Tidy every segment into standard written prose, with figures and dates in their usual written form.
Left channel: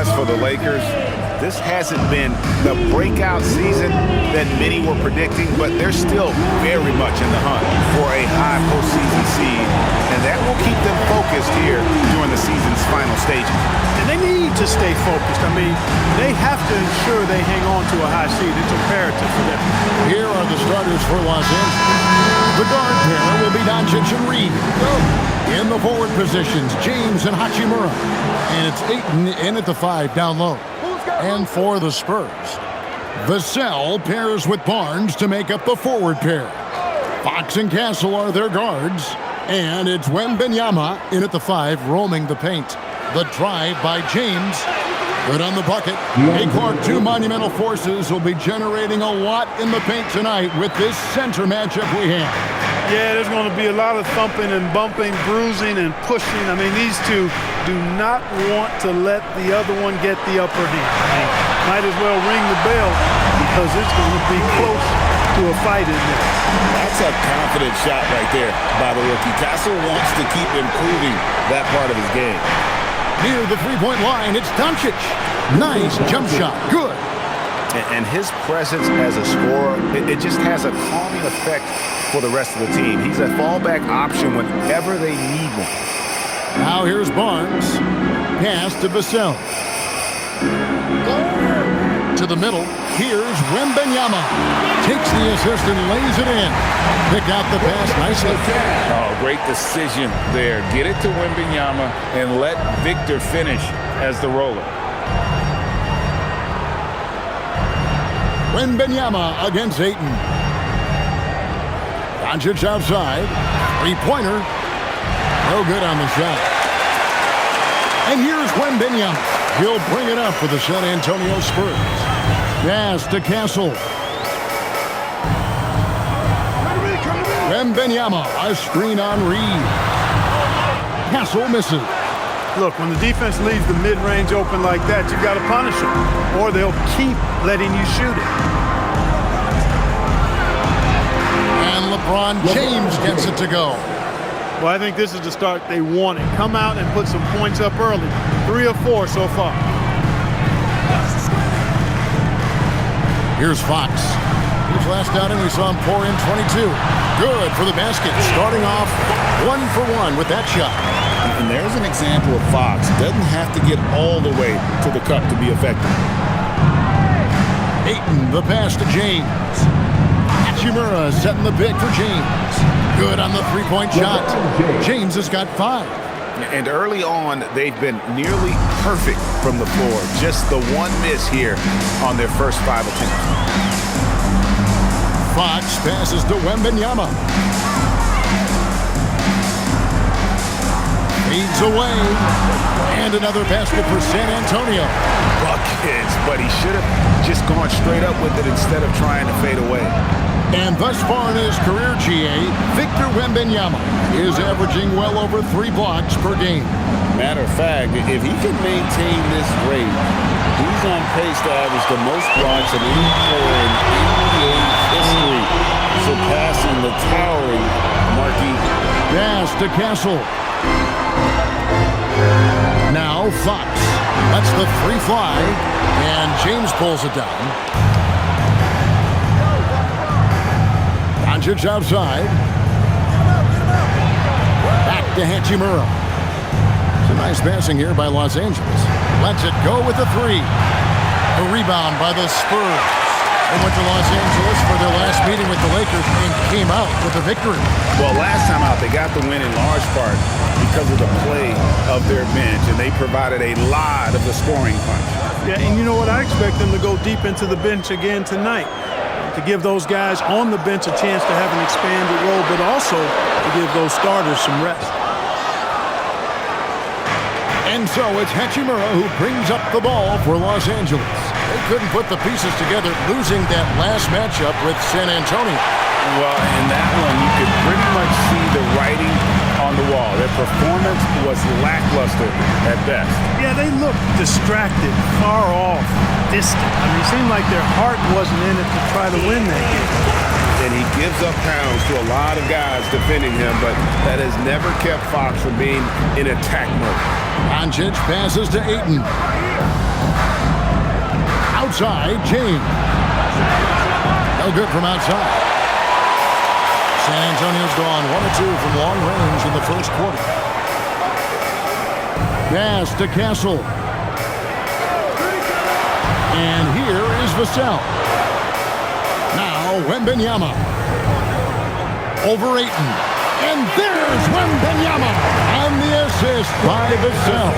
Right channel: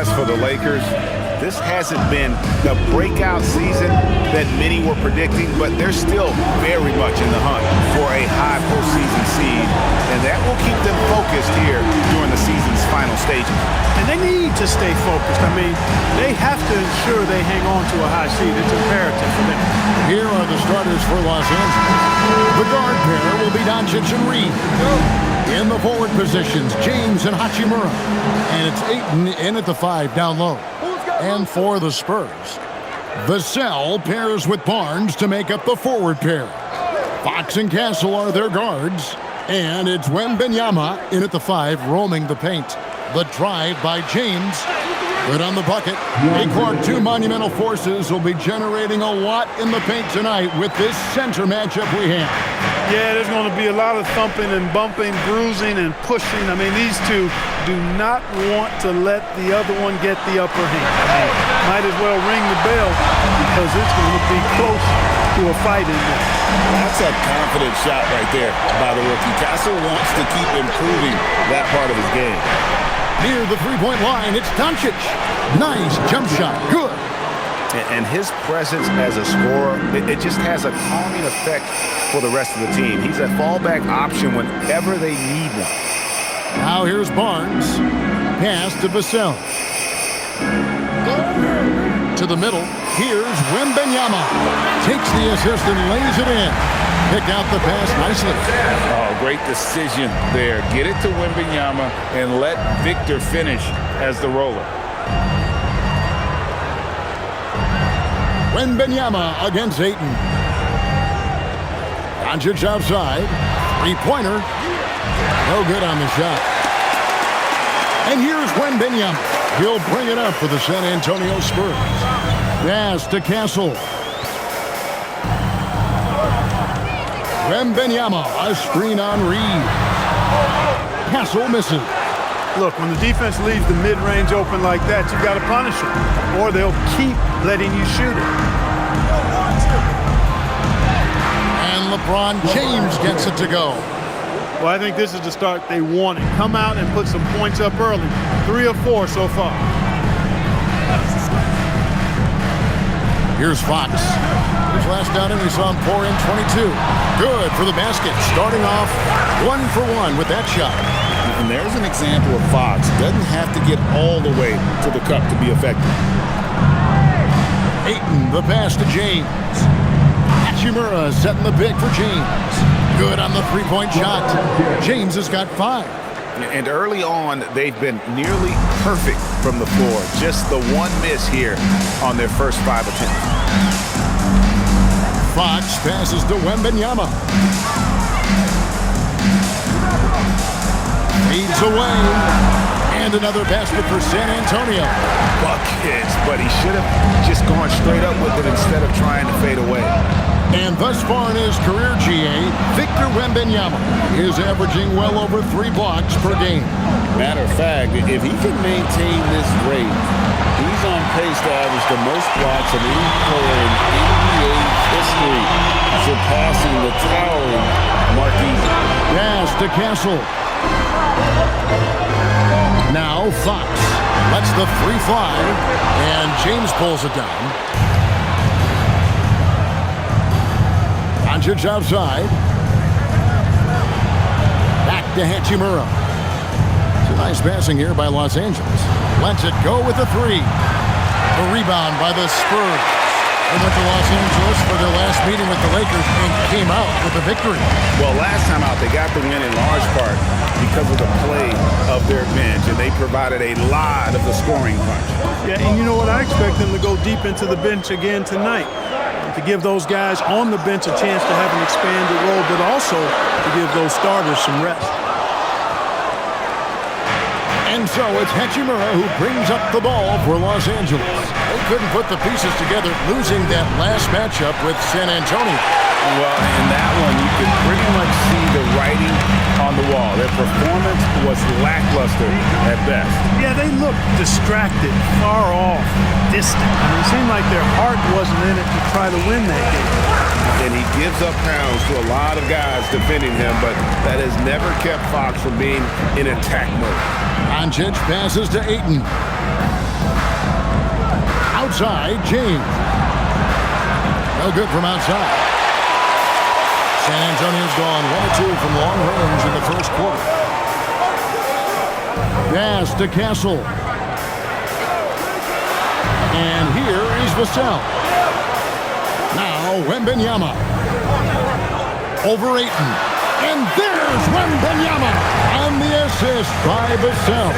as for the Lakers, this hasn't been the breakout season that many were predicting, but they're still very much in the hunt for a high postseason seed, and that will keep them focused here during the season's final stages. And they need to stay focused. I mean, they have to ensure they hang on to a high seed. It's imperative for them. Here are the starters for Los Angeles. The guard pair will be Doncic and Reed. In the forward positions, James and Hachimura. And it's Ayton in at the 5 down low. And for the Spurs, Vassell pairs with Barnes to make up the forward pair. Fox and Castle are their guards. And it's Wembanyama in at the 5, roaming the paint. The drive by James. Good on the bucket. Clark, two monumental forces will be generating a lot in the paint tonight with this center matchup we have. Yeah, there's going to be a lot of thumping and bumping, bruising and pushing. I mean, these two do not want to let the other one get the upper hand. I mean, might as well ring the bell because it's going to be close to a fight in there. That's a confident shot right there by the rookie. Castle wants to keep improving that part of his game. Near the three-point line, it's Doncic. Nice jump shot. Good. And his presence as a scorer, it just has a calming effect for the rest of the team. He's a fallback option whenever they need one. Now here's Barnes. Pass to Vassell. To the middle. Here's Wembanyama. Takes the assist and lays it in. Picked out the pass nicely. Oh, great decision there. Get it to Wembanyama and let Victor finish as the roller. Wembanyama against Ayton. Doncic outside. Three-pointer. No good on the shot. And here's Wembanyama. He'll bring it up for the San Antonio Spurs. Pass to Castle. Wembanyama, a screen on Reed. Castle misses. Look, when the defense leaves the mid-range open like that, you've got to punish them, or they'll keep letting you shoot it. And LeBron James gets it to go. Well, I think this is the start they wanted. Come out and put some points up early. 3 of 4 so far. Here's Fox. His last outing, we saw him pour in 22. Good for the basket. Starting off 1 for 1 with that shot. And there's an example of Fox. Doesn't have to get all the way to the cup to be effective. Ayton, the pass to James. Hachimura setting the pick for James. Good on the three-point shot. James has got 5. And early on, they've been nearly perfect from the floor. Just the one miss here on their first 5 attempts. Fox passes to Wembanyama. Fades away. And another basket for San Antonio. Buckets, but he should have just gone straight up with it instead of trying to fade away. And thus far in his career, GA, Victor Wembanyama is averaging well over 3 blocks per game. Matter of fact, if he can maintain this rate, he's on pace to average the most blocks of any player in NBA history, surpassing the towering Marquis. Pass to Castle. Now Fox lets the 3 fly, and James pulls it down. Doncic outside. Back to Hachimura. It's a nice passing here by Los Angeles. Lets it go with the 3. The rebound by the Spurs. They went to Los Angeles for their last meeting with the Lakers and came out with a victory. Well, last time out, they got the win in large part because of the play of their bench, and they provided a lot of the scoring punch. Yeah, and you know what? I expect them to go deep into the bench again tonight, to give those guys on the bench a chance to have an expanded role, but also to give those starters some rest. And so it's Hachimura who brings up the ball for Los Angeles. They couldn't put the pieces together, losing that last matchup with San Antonio. Well, in that one, you could pretty much see the writing on the wall. Their performance was lackluster at best. Yeah, they looked distracted, far off, distant. I mean, it seemed like their heart wasn't in it to try to win that game. And he gives up pounds to a lot of guys defending him, but that has never kept Fox from being in attack mode. Doncic passes to Ayton. Outside, James. No good from outside. San Antonio's gone 1 of 2 from long range in the first quarter. Pass to Castle. And here is Vassell. Now Wembanyama. Over Ayton. And there's Wembanyama on the assist by Vassell.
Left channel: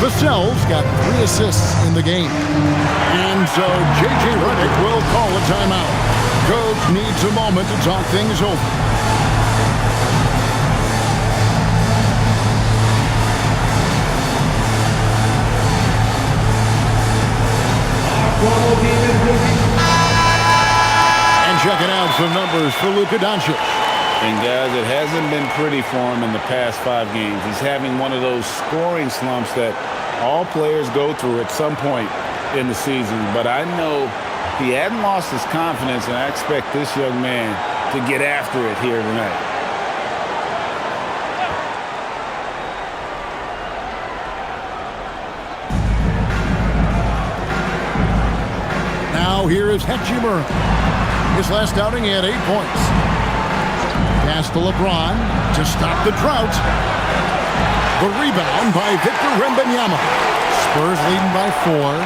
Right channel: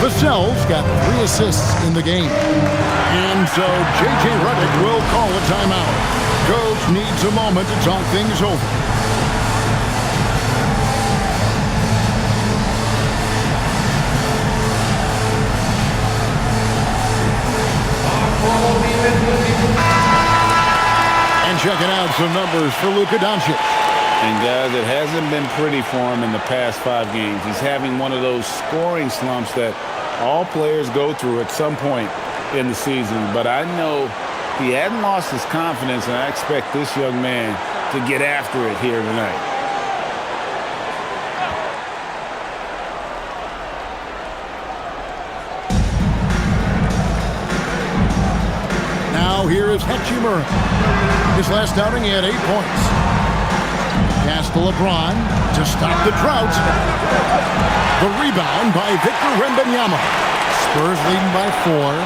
Vassell's got 3 assists in the game. And so J.J. Redick will call a timeout. Coach needs a moment to talk things over. And checking out some numbers for Luka Doncic. And guys, it hasn't been pretty for him in the past 5 games. He's having one of those scoring slumps that all players go through at some point in the season. But I know he hadn't lost his confidence, and I expect this young man to get after it here tonight. Now here is Hachimura. His last outing, he had 8 points. Pass to LeBron to stop the drought. The rebound by Victor Wembanyama. Spurs leading by 4.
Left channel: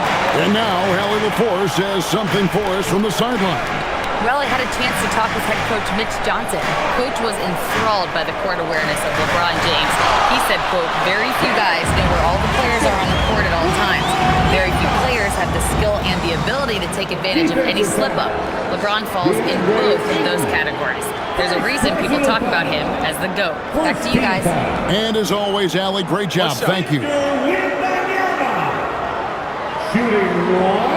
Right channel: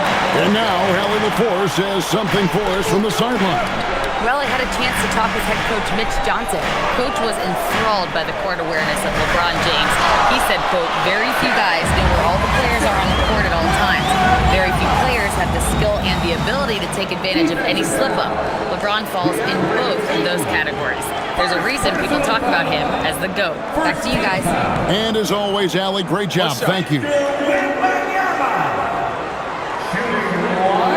And now Hallie LaForce says something for us from the sideline. Well, I had a chance to talk with head coach Mitch Johnson. Coach was enthralled by the court awareness of LeBron James. He said, quote, very few guys know where all the players are on the court at all times. Very few players have the skill and the ability to take advantage of any slip-up. LeBron falls in both of those categories. There's a reason people talk about him as the GOAT. Back to you guys. And as always, Allie, great job. Thank you. Shooting 1.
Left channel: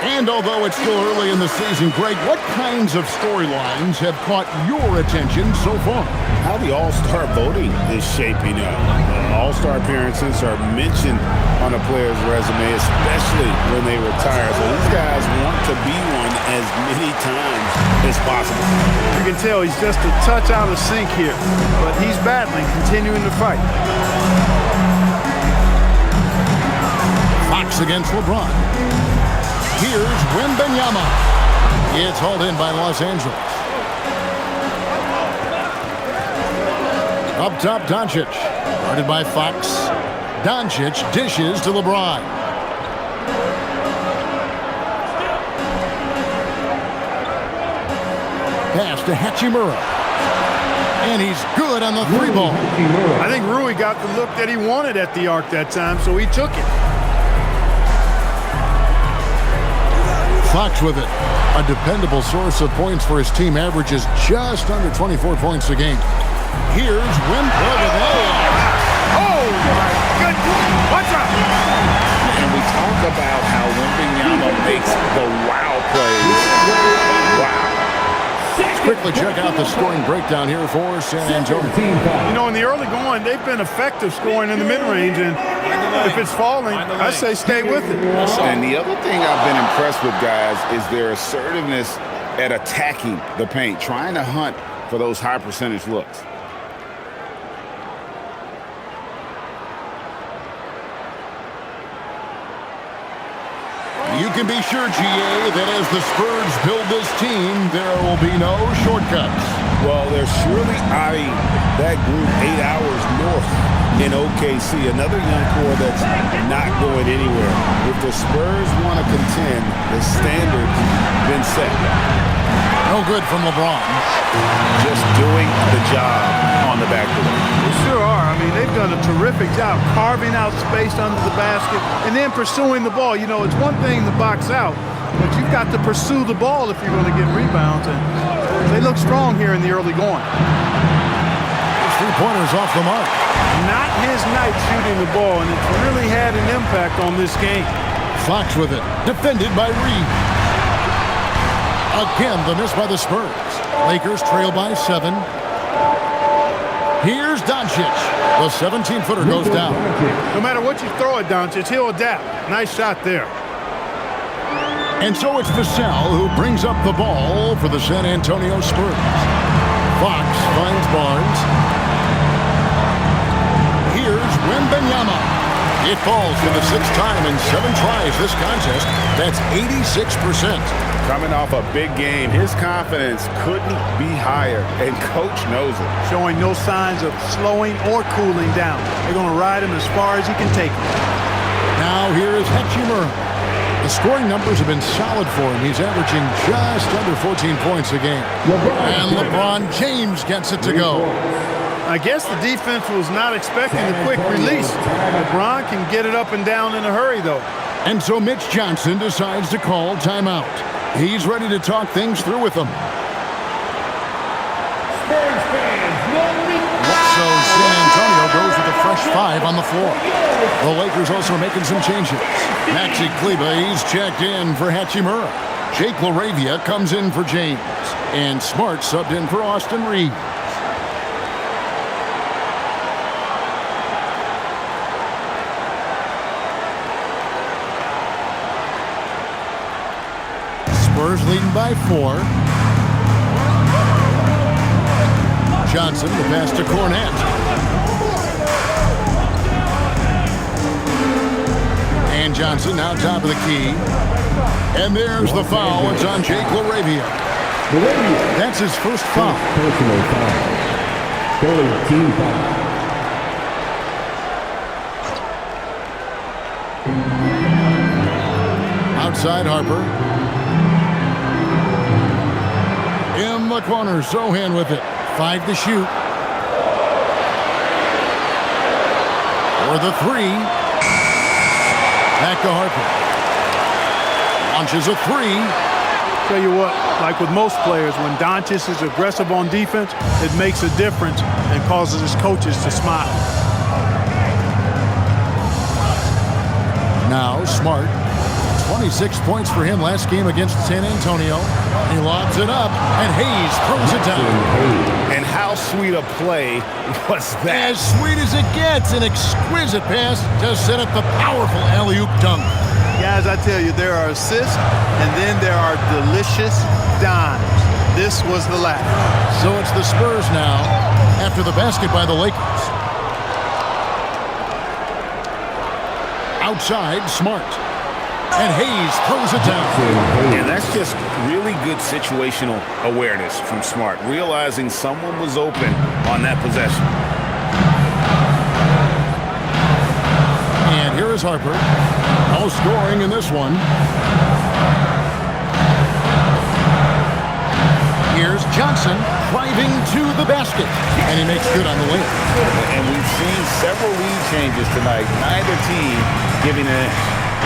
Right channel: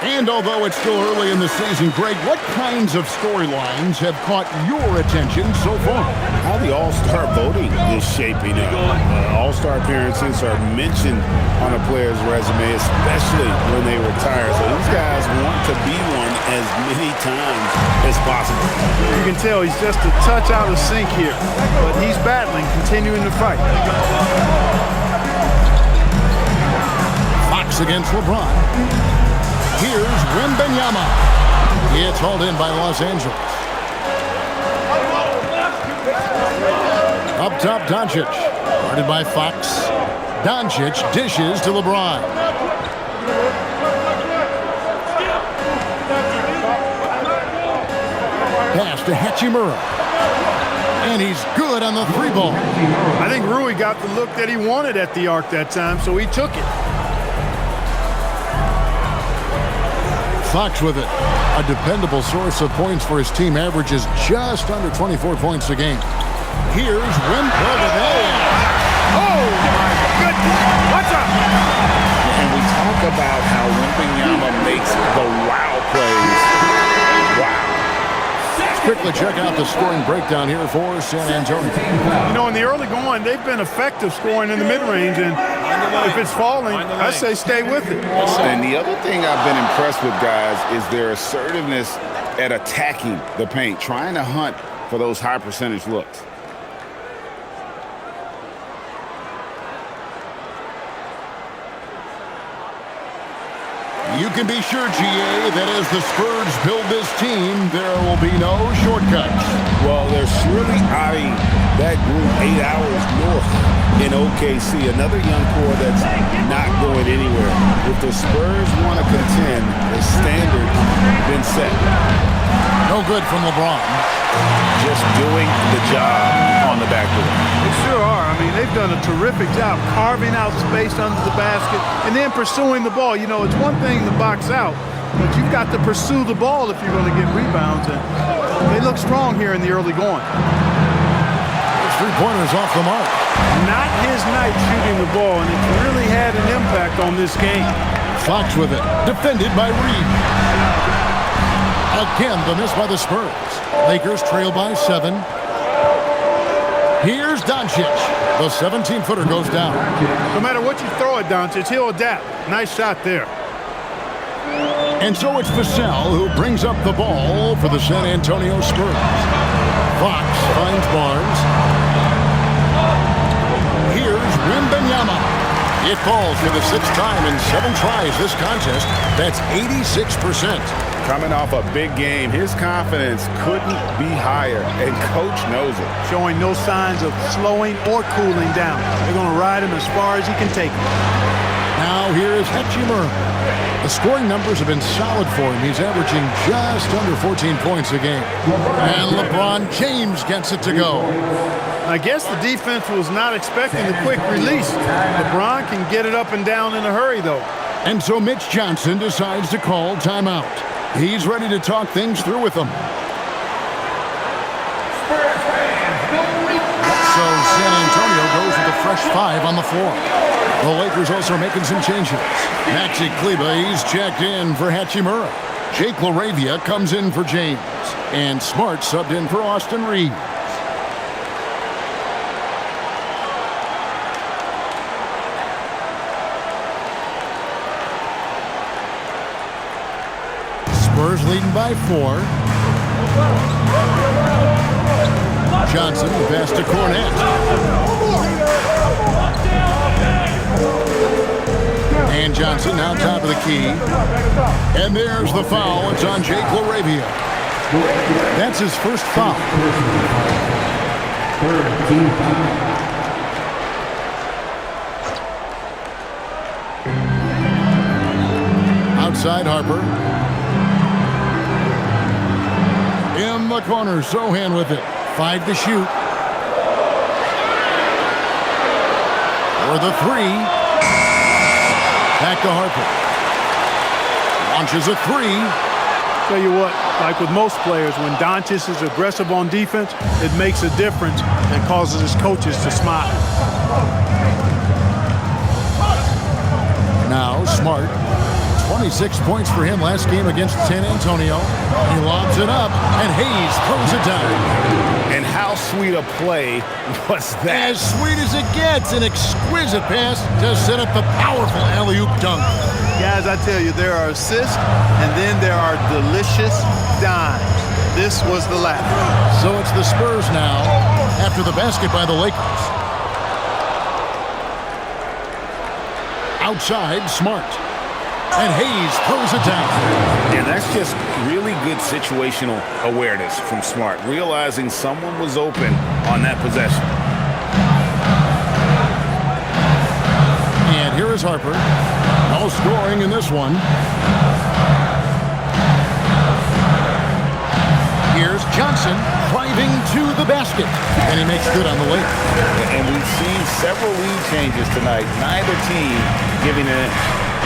And although it's still early in the season, Greg, what kinds of storylines have caught your attention so far? How the All-Star voting is shaping up. All-Star appearances are mentioned on a player's resume, especially when they retire. So these guys want to be one as many times as possible. You can tell he's just a touch out of sync here, but he's battling, continuing to fight. Fox against LeBron. Here's Wembanyama. It's hauled in by Los Angeles. Up top, Doncic. Guarded by Fox. Doncic dishes to LeBron. Pass to Hachimura. And he's good on the 3-ball. I think Rui got the look that he wanted at the arc that time, so he took it. Fox with it. A dependable source of points for his team, averages just under 24 points a game. Here's Wimp. Look at that. Oh, my goodness. Watch out. And we talk about how Wembanyama makes the wow plays. Wow. Let's quickly check out the scoring breakdown here for San Antonio. You know, in the early going, they've been effective scoring in the mid-range, and if it's falling, I say stay with it. And the other thing I've been impressed with, guys, is their assertiveness at attacking the paint, trying to hunt for those high percentage looks. You can be sure, GA, that as the Spurs build this team, there will be no shortcuts. Well, they're surely eyeing that group 8 hours north in OKC, another young core that's not going anywhere. If the Spurs want to contend, the standard's been set. No good from LeBron. Just doing the job on the backboard. They sure are. I mean, they've done a terrific job carving out space under the basket and then pursuing the ball. You know, it's one thing to box out, but you've got to pursue the ball if you're going to get rebounds, and they look strong here in the early going. His 3-pointers off the mark. Not his night shooting the ball, and it's really had an impact on this game. Fox with it. Defended by Reed. Again, the miss by the Spurs. Lakers trail by 7. Here's Doncic. The 17-footer goes down. No matter what you throw at Doncic, he'll adapt. Nice shot there. And so it's Vassell who brings up the ball for the San Antonio Spurs. Fox finds Barnes. Here's Wembanyama. It falls for the 6th time in 7 tries this contest. That's 86%. Coming off a big game, his confidence couldn't be higher, and coach knows it. Showing no signs of slowing or cooling down. They're going to ride him as far as he can take him. Now here is Hachimura. The scoring numbers have been solid for him. He's averaging just under 14 points a game. And LeBron James gets it to go. I guess the defense was not expecting the quick release. LeBron can get it up and down in a hurry, though. And so Mitch Johnson decides to call timeout. He's ready to talk things through with them. Spurs fans, no reply. So San Antonio goes with a fresh 5 on the floor. The Lakers also making some changes. Maxi Kleber, he's checked in for Hachimura. Jake LaRavia comes in for James. And Smart subbed in for Austin Reeves. Spurs leading by 4. Johnson, the pass to Cornette. And Johnson now top of the key. And there's the foul. It's on Jake LaRavia. That's his first foul. Personal foul. 3rd team foul. Outside Harper. In the corner, Sohan with it. 5 to shoot. For the 3. Back to Harper. Launches a 3. Tell you what, like with most players, when Doncic is aggressive on defense, it makes a difference and causes his coaches to smile. Now Smart. 26 points for him last game against San Antonio. He lobs it up, and Hayes throws it down. And how sweet a play was that? As sweet as it gets, an exquisite pass to set up the powerful alley-oop dunk. Guys, I tell you, there are assists, and then there are delicious dimes. This was the latter. So it's the Spurs now, after the basket by the Lakers. Outside, Smart. And Hayes throws it down. And that's just really good situational awareness from Smart, realizing someone was open on that possession. And here is Harper. No scoring in this one. Here's Johnson driving to the basket. And he makes good on the layup. And we've seen several lead changes tonight. Neither team giving an inch.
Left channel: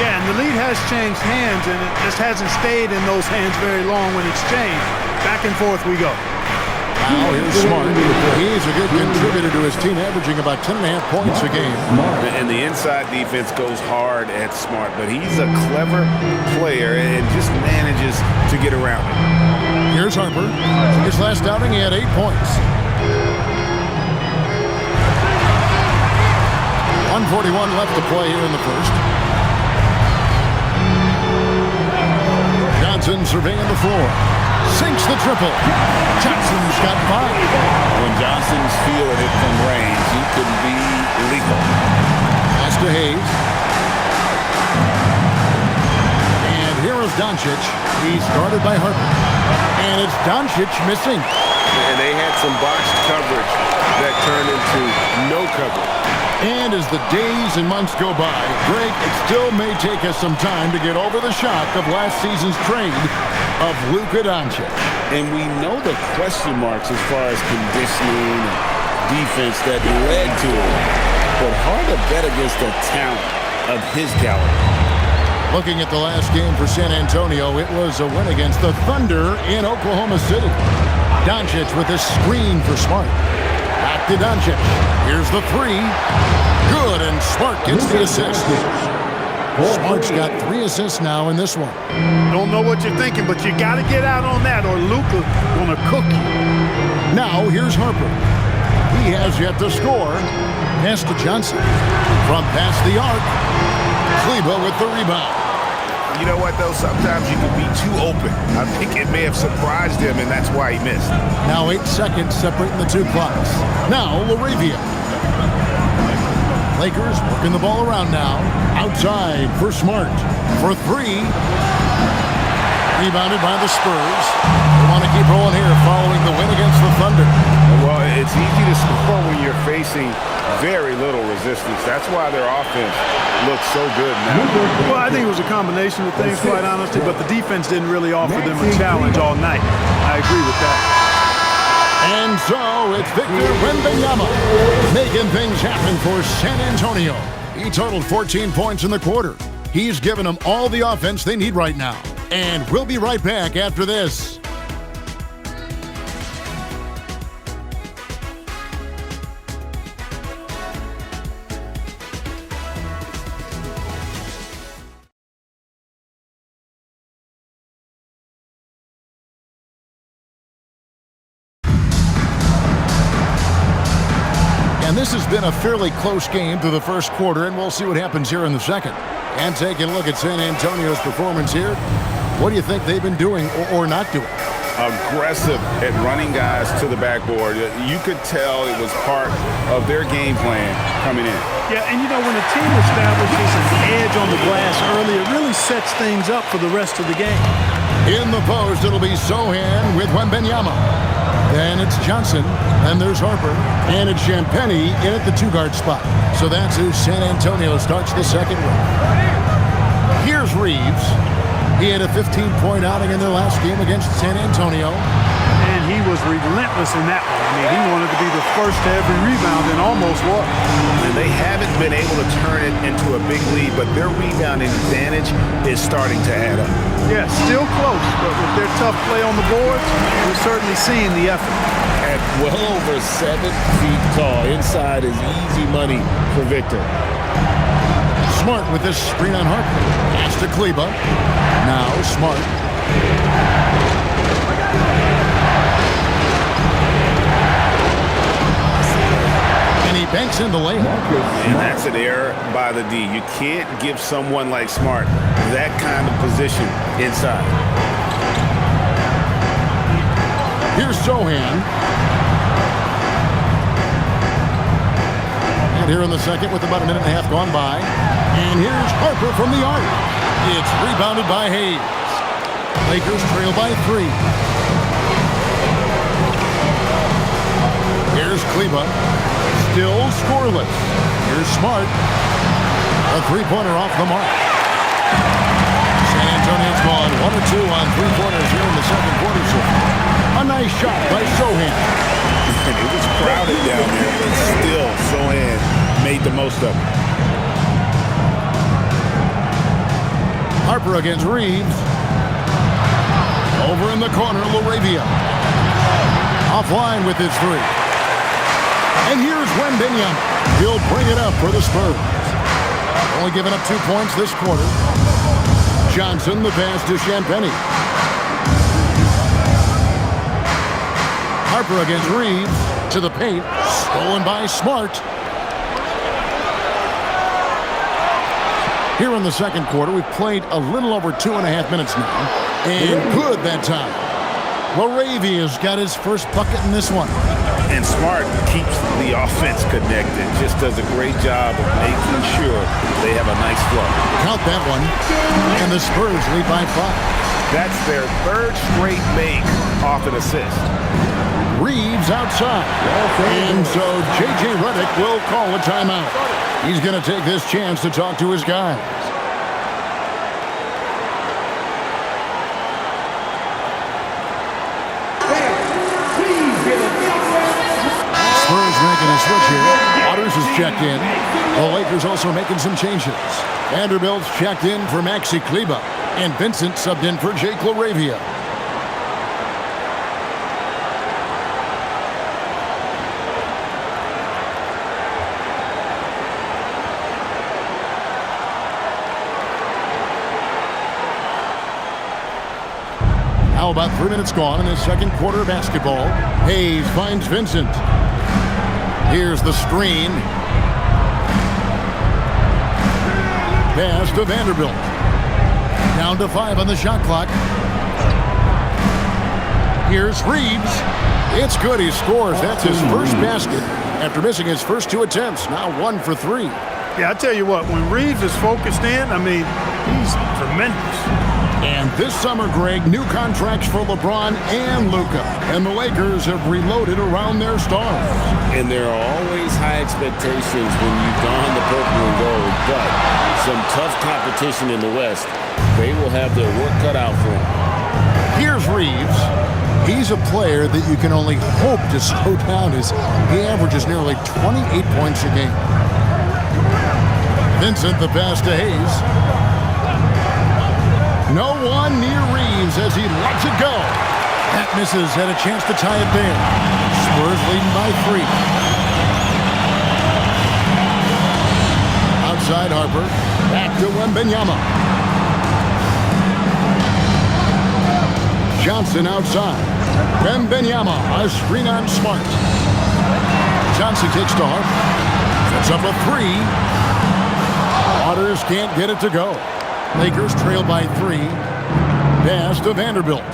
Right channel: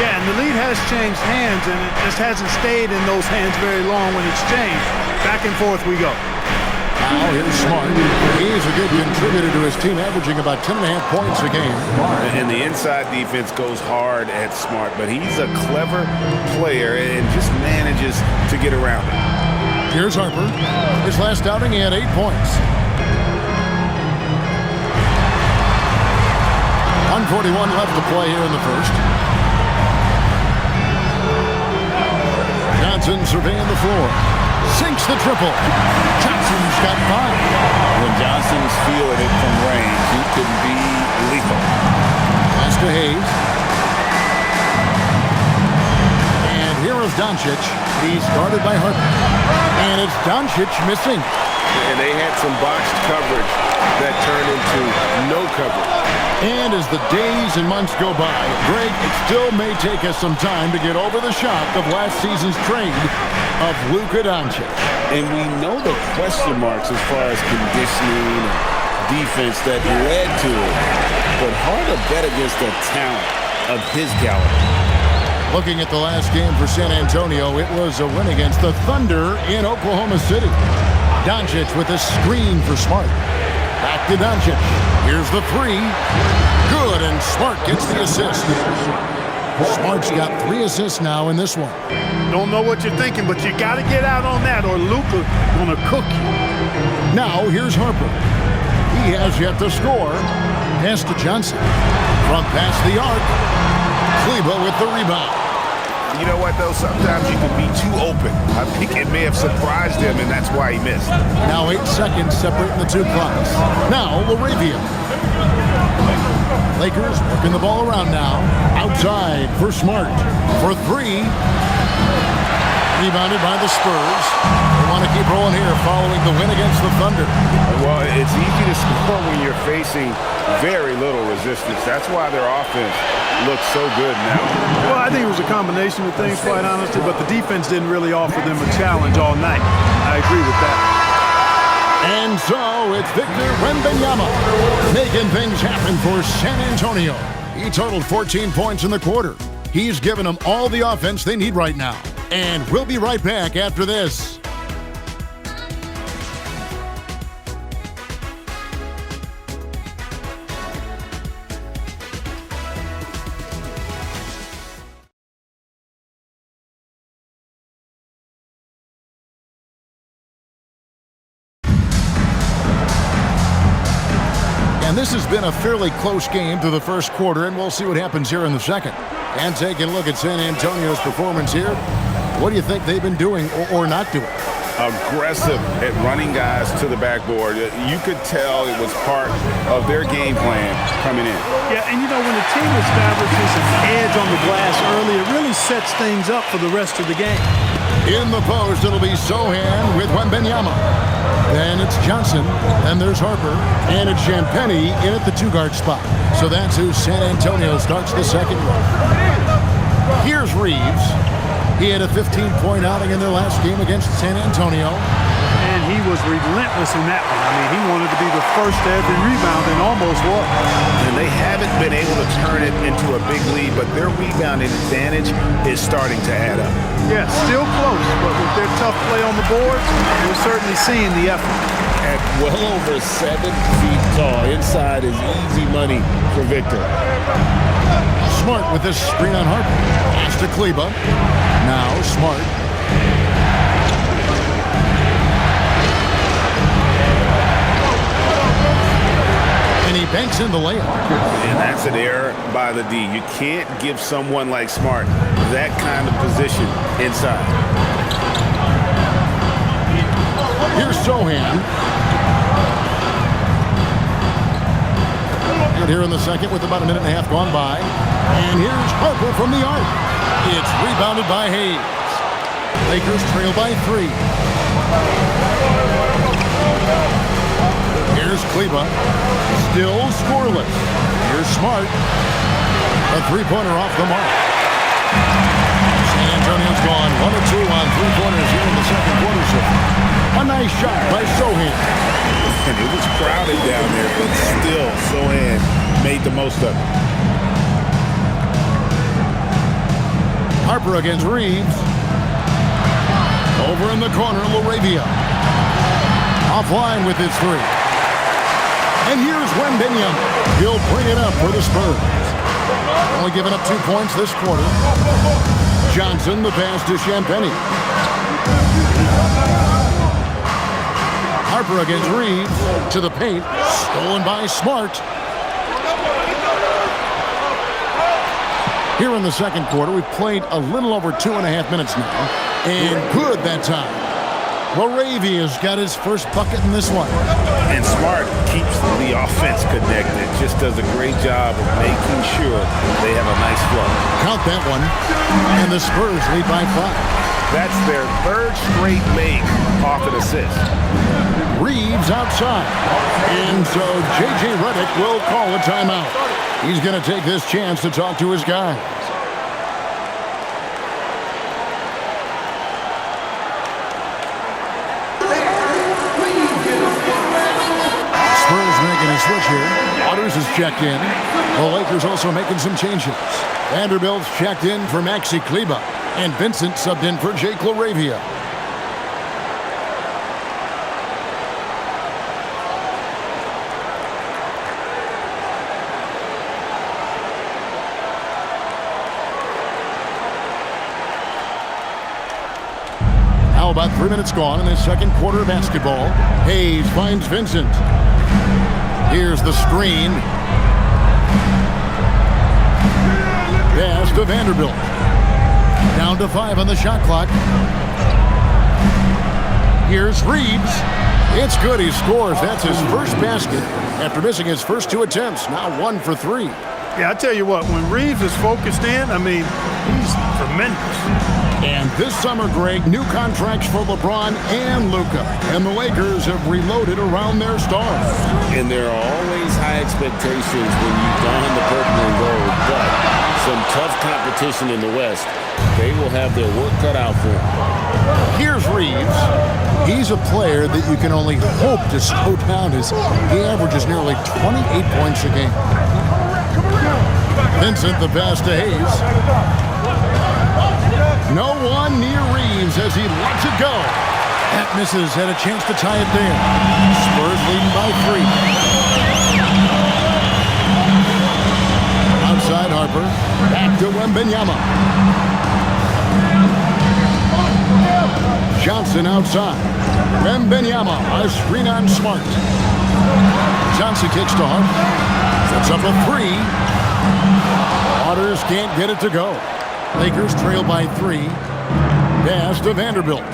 Yeah, and the lead has changed hands, and it just hasn't stayed in those hands very long when it's changed. Back and forth we go. Now here's Smart. He's a good contributor to his team, averaging about 10.5 points a game. And the inside defense goes hard at Smart, but he's a clever player and just manages to get around it. Here's Harper. His last outing, he had 8 points. 1:41 left to play here in the first. Johnson surveying the floor. Sinks the triple. Johnson's got 5. When Johnson's feeling it from range, he can be lethal. Pass to Hayes. And here is Doncic. He's guarded by Harper. And it's Doncic missing. And they had some botched coverage that turned into no coverage. And as the days and months go by, Greg, it still may take us some time to get over the shock of last season's trade of Luka Doncic. And we know the question marks as far as conditioning and defense that led to it. But hard to bet against the talent of his caliber. Looking at the last game for San Antonio, it was a win against the Thunder in Oklahoma City. Doncic with a screen for Smart. Back to Doncic. Here's the 3. Good, and Smart gets the assist. Smart's got 3 assists now in this one. Don't know what you're thinking, but you got to get out on that or Luka going to cook you. Now here's Harper. He has yet to score. Pass to Johnson. From past the arc. Kleber with the rebound. You know what, though? Sometimes you can be too open. I think it may have surprised him, and that's why he missed. Now 8 seconds separating the two clocks. Now LaRavia. Lakers working the ball around now. Outside for Smart. For 3. Rebounded by the Spurs. They want to keep rolling here following the win against the Thunder. Well, it's easy to score when you're facing very little resistance. That's why their offense looks so good now. Well, I think it was a combination of things, quite honestly, but the defense didn't really offer them a challenge all night. I agree with that. And so it's Victor Wembanyama making things happen for San Antonio. He totaled 14 points in the quarter. He's given them all the offense they need right now. And we'll be right back after this. And this has been a fairly close game through the first quarter, and we'll see what happens here in the second. And taking a look at San Antonio's performance here, what do you think they've been doing or not doing? Aggressive at running guys to the backboard. You could tell it was part of their game plan coming in. Yeah, and you know, when a team establishes an edge on the glass early, it really sets things up for the rest of the game. In the post, it'll be Sohan with Wembanyama. Then it's Johnson, and there's Harper, and it's Champagnie in at the 2-guard spot. So that's who San Antonio starts the second with. Here's Reeves. He had a 15-point outing in their last game against San Antonio. And he was relentless in that one. I mean, he wanted to be the first to every rebound and almost was. And they haven't been able to turn it into a big lead, but their rebounding advantage is starting to add up. Yeah, still close, but with their tough play on the boards, we're certainly seeing the effort. At well over 7 feet tall, inside is easy money for Victor. Smart with this screen on Harper. Pass to Kleba. Now Smart. And he banks in the layup. And that's an error by the D. You can't give someone like Smart that kind of position inside. Here's Sohan. And here in the second with about a minute and a half gone by. And here's Harper from the arc. It's rebounded by Hayes. Lakers trail by 3. Here's Kleba. Still scoreless. Here's Smart. A 3-pointer off the mark. San Antonio's gone 1 or 2 on 3-pointers here in the second quarter so far. A nice shot by Sohan. And it was crowded down there, but still Sohan made the most of it. Harper against Reeves. Over in the corner, LaRavia. Offline with his 3. And here's Wembanyama. He'll bring it up for the Spurs. Only giving up 2 points this quarter. Johnson, the pass to Champagnie. Harper against Reeves. To the paint. Stolen by Smart. Here in the second quarter, we've played a little over 2.5 minutes now. And good that time. LaRavia's got his first bucket in this one. And Smart keeps the offense connected. Just does a great job of making sure they have a nice flow. Count that one. And the Spurs lead by 5. That's their 3rd straight make off an assist. Reeves outside. And so J.J. Redick will call a timeout. He's going to take this chance to talk to his guys. Spurs making a switch here. Waters is checked in. The Lakers also making some changes. Vanderbilt's checked in for Maxi Kleba. And Vincent subbed in for Jake LaRavia. Now about 3 minutes gone in the second quarter of basketball. Hayes finds Vincent. Here's the screen. Pass to Vanderbilt. Down to 5 on the shot clock. Here's Reeves. It's good. He scores. That's his first basket after missing his first 2 attempts. Now 1 for 3. Yeah, I tell you what, when Reeves is focused in, I mean, he's tremendous. And this summer, Greg, new contracts for LeBron and Luka. And the Lakers have reloaded around their stars. And there are always high expectations when you don the purple and gold, but some tough competition in the West. They will have their work cut out for them. Here's Reeves. He's a player that you can only hope to slow down as he averages nearly 28 points a game. Vincent, the pass to Hayes. No one near Reeves as he lets it go. That misses. Had a chance to tie it there. Spurs leading by 3. Outside Harper. Back to Wembanyama. Johnson outside. Wembanyama, a screen on Smart. Johnson kicks to Harper. Sets up a 3. Waters can't get it to go. Lakers trail by 3. Pass to Vanderbilt.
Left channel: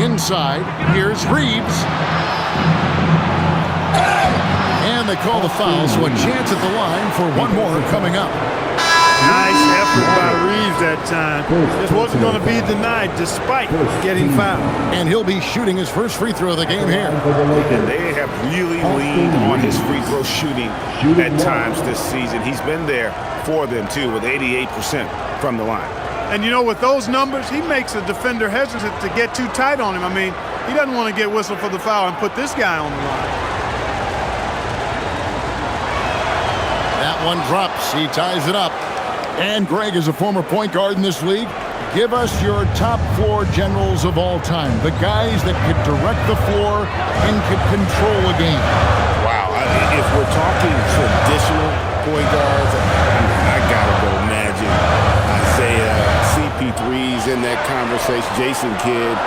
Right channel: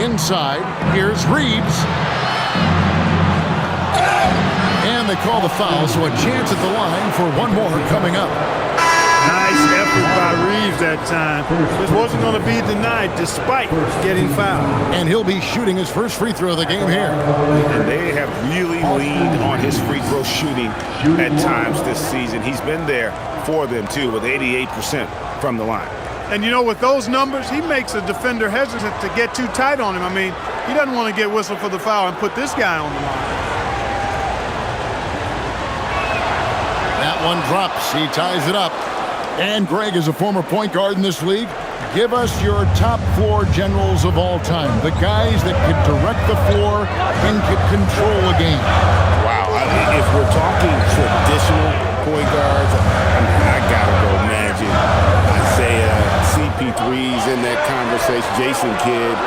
Inside, here's Reeves. And they call the foul, so a chance at the line for one more coming up. Nice effort by Reeves that time. Just wasn't going to be denied despite getting fouled. And he'll be shooting his first free throw of the game here. And they have really leaned on his free throw shooting at times this season. He's been there for them, too, with 88% from the line. And, you know, with those numbers, he makes a defender hesitant to get too tight on him. I mean, he doesn't want to get whistled for the foul and put this guy on the line. That one drops. He ties it up. And Greg is a former point guard in this league. Give us your top floor generals of all time. The guys that could direct the floor and could control a game. Wow. If we're talking traditional point guards, I got to go Magic, Isaiah, CP3's in that conversation, Jason Kidd.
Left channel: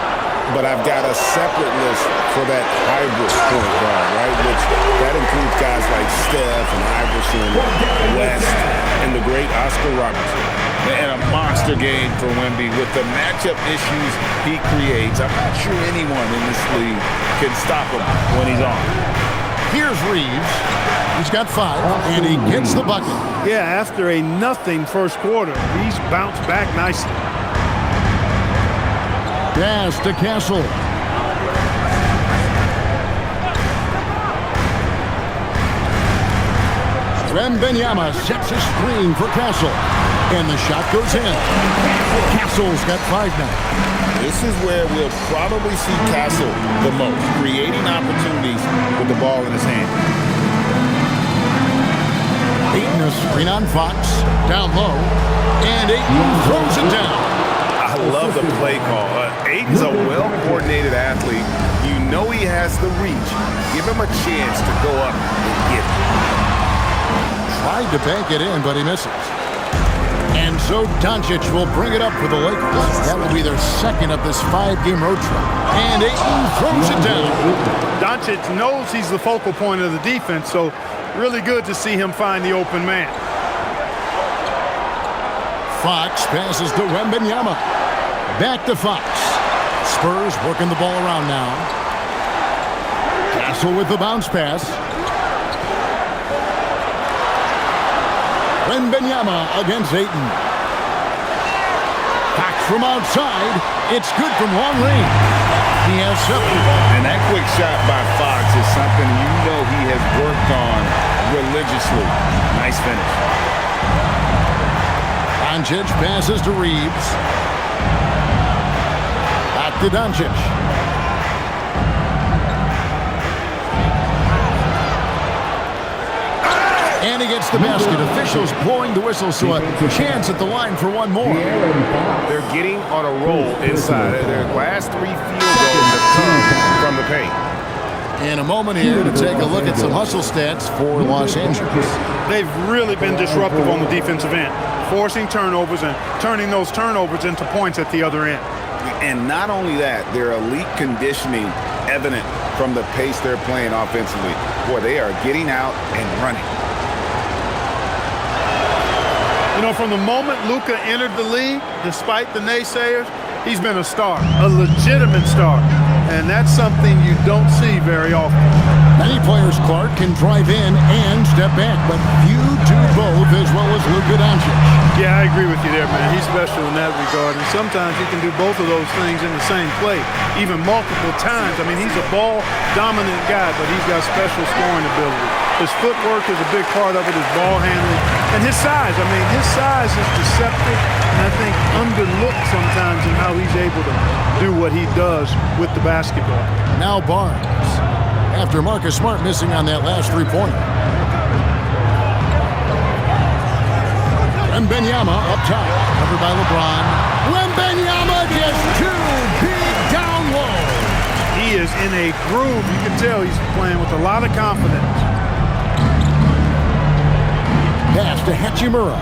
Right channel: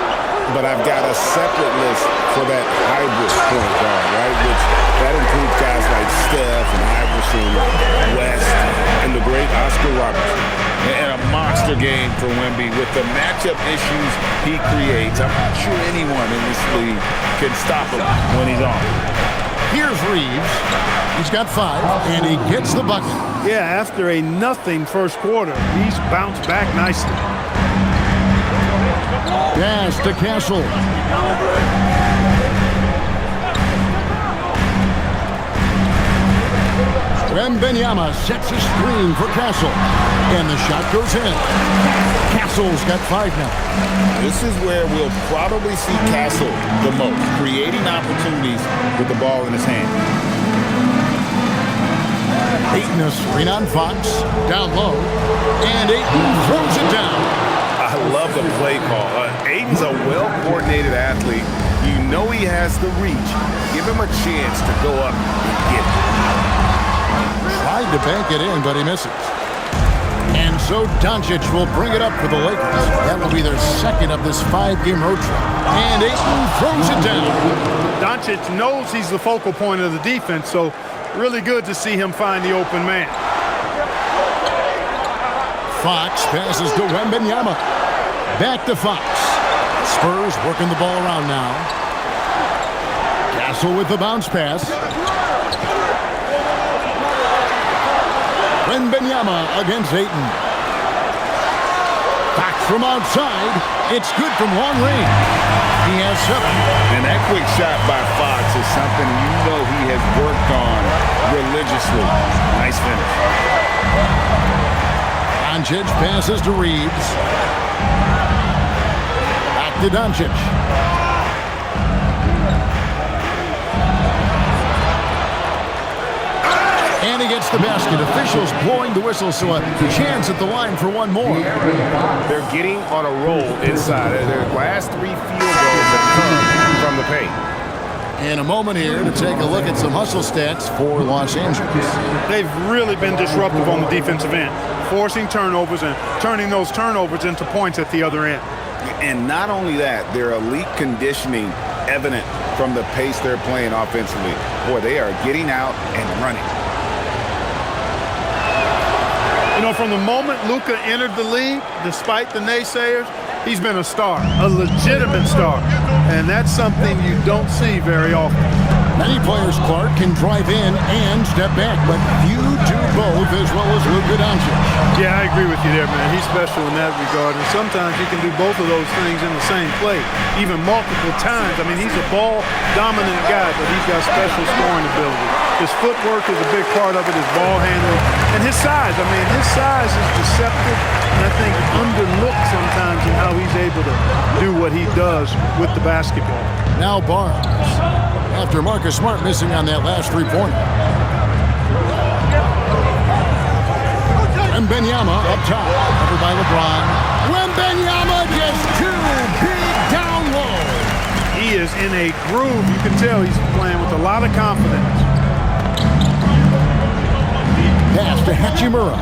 But I've got a separate list for that hybrid point guard, right? Which that includes guys like Steph and Iverson, West, and the great Oscar Robertson. And a monster game for Wemby with the matchup issues he creates. I'm not sure anyone in this league can stop him when he's on. Here's Reeves. He's got 5, and he gets the bucket. Yeah, after a nothing first quarter, he's bounced back nicely. Pass to Castle. Wembanyama sets a screen for Castle. And the shot goes in. Castle's got 5 now. This is where we'll probably see Castle the most, creating opportunities with the ball in his hand. Ayton a screen on Fox. Down low. And Ayton throws it down. I love the play call. Ayton's a well-coordinated athlete. You know he has the reach. Give him a chance to go up and get it. Tried to bank it in, but he misses. And so Doncic will bring it up for the Lakers. That will be their second of this 5-game road trip. And Ayton throws it down. Doncic knows he's the focal point of the defense, so really good to see him find the open man. Fox passes to Wembanyama. Back to Fox. Spurs working the ball around now. Castle with the bounce pass. Wembanyama against Ayton. Fox from outside. It's good from long range. He has 7. And that quick shot by Fox is something you know he has worked on religiously. Nice finish. Doncic passes to Reeves. Back to Doncic. And he gets the basket. Officials blowing the whistle, so a chance at the line for one more. They're getting on a roll inside. Their last 3 field goals have come from the paint. And a moment here to take a look at some hustle stats for Los Angeles. They've really been disruptive on the defensive end, forcing turnovers and turning those turnovers into points at the other end. And not only that, their elite conditioning evident from the pace they're playing offensively. Boy, they are getting out and running. You know, from the moment Luka entered the league, despite the naysayers, he's been a star, a legitimate star. And that's something you don't see very often. Many players, Clark, can drive in and step back, but few do both as well as Luka Doncic. Yeah, I agree with you there, man. He's special in that regard, and sometimes he can do both of those things in the same play, even multiple times. I mean, he's a ball-dominant guy, but he's got special scoring ability. His footwork is a big part of it, his ball handling, and his size. I mean, his size is deceptive, and I think underlooked sometimes in how he's able to do what he does with the basketball. Now Barnes, after Marcus Smart missing on that last three-pointer. Wembanyama up top, covered by LeBron. Wembanyama just too big down low. He is in a groove. You can tell he's playing with a lot of confidence. Pass to Hachimura.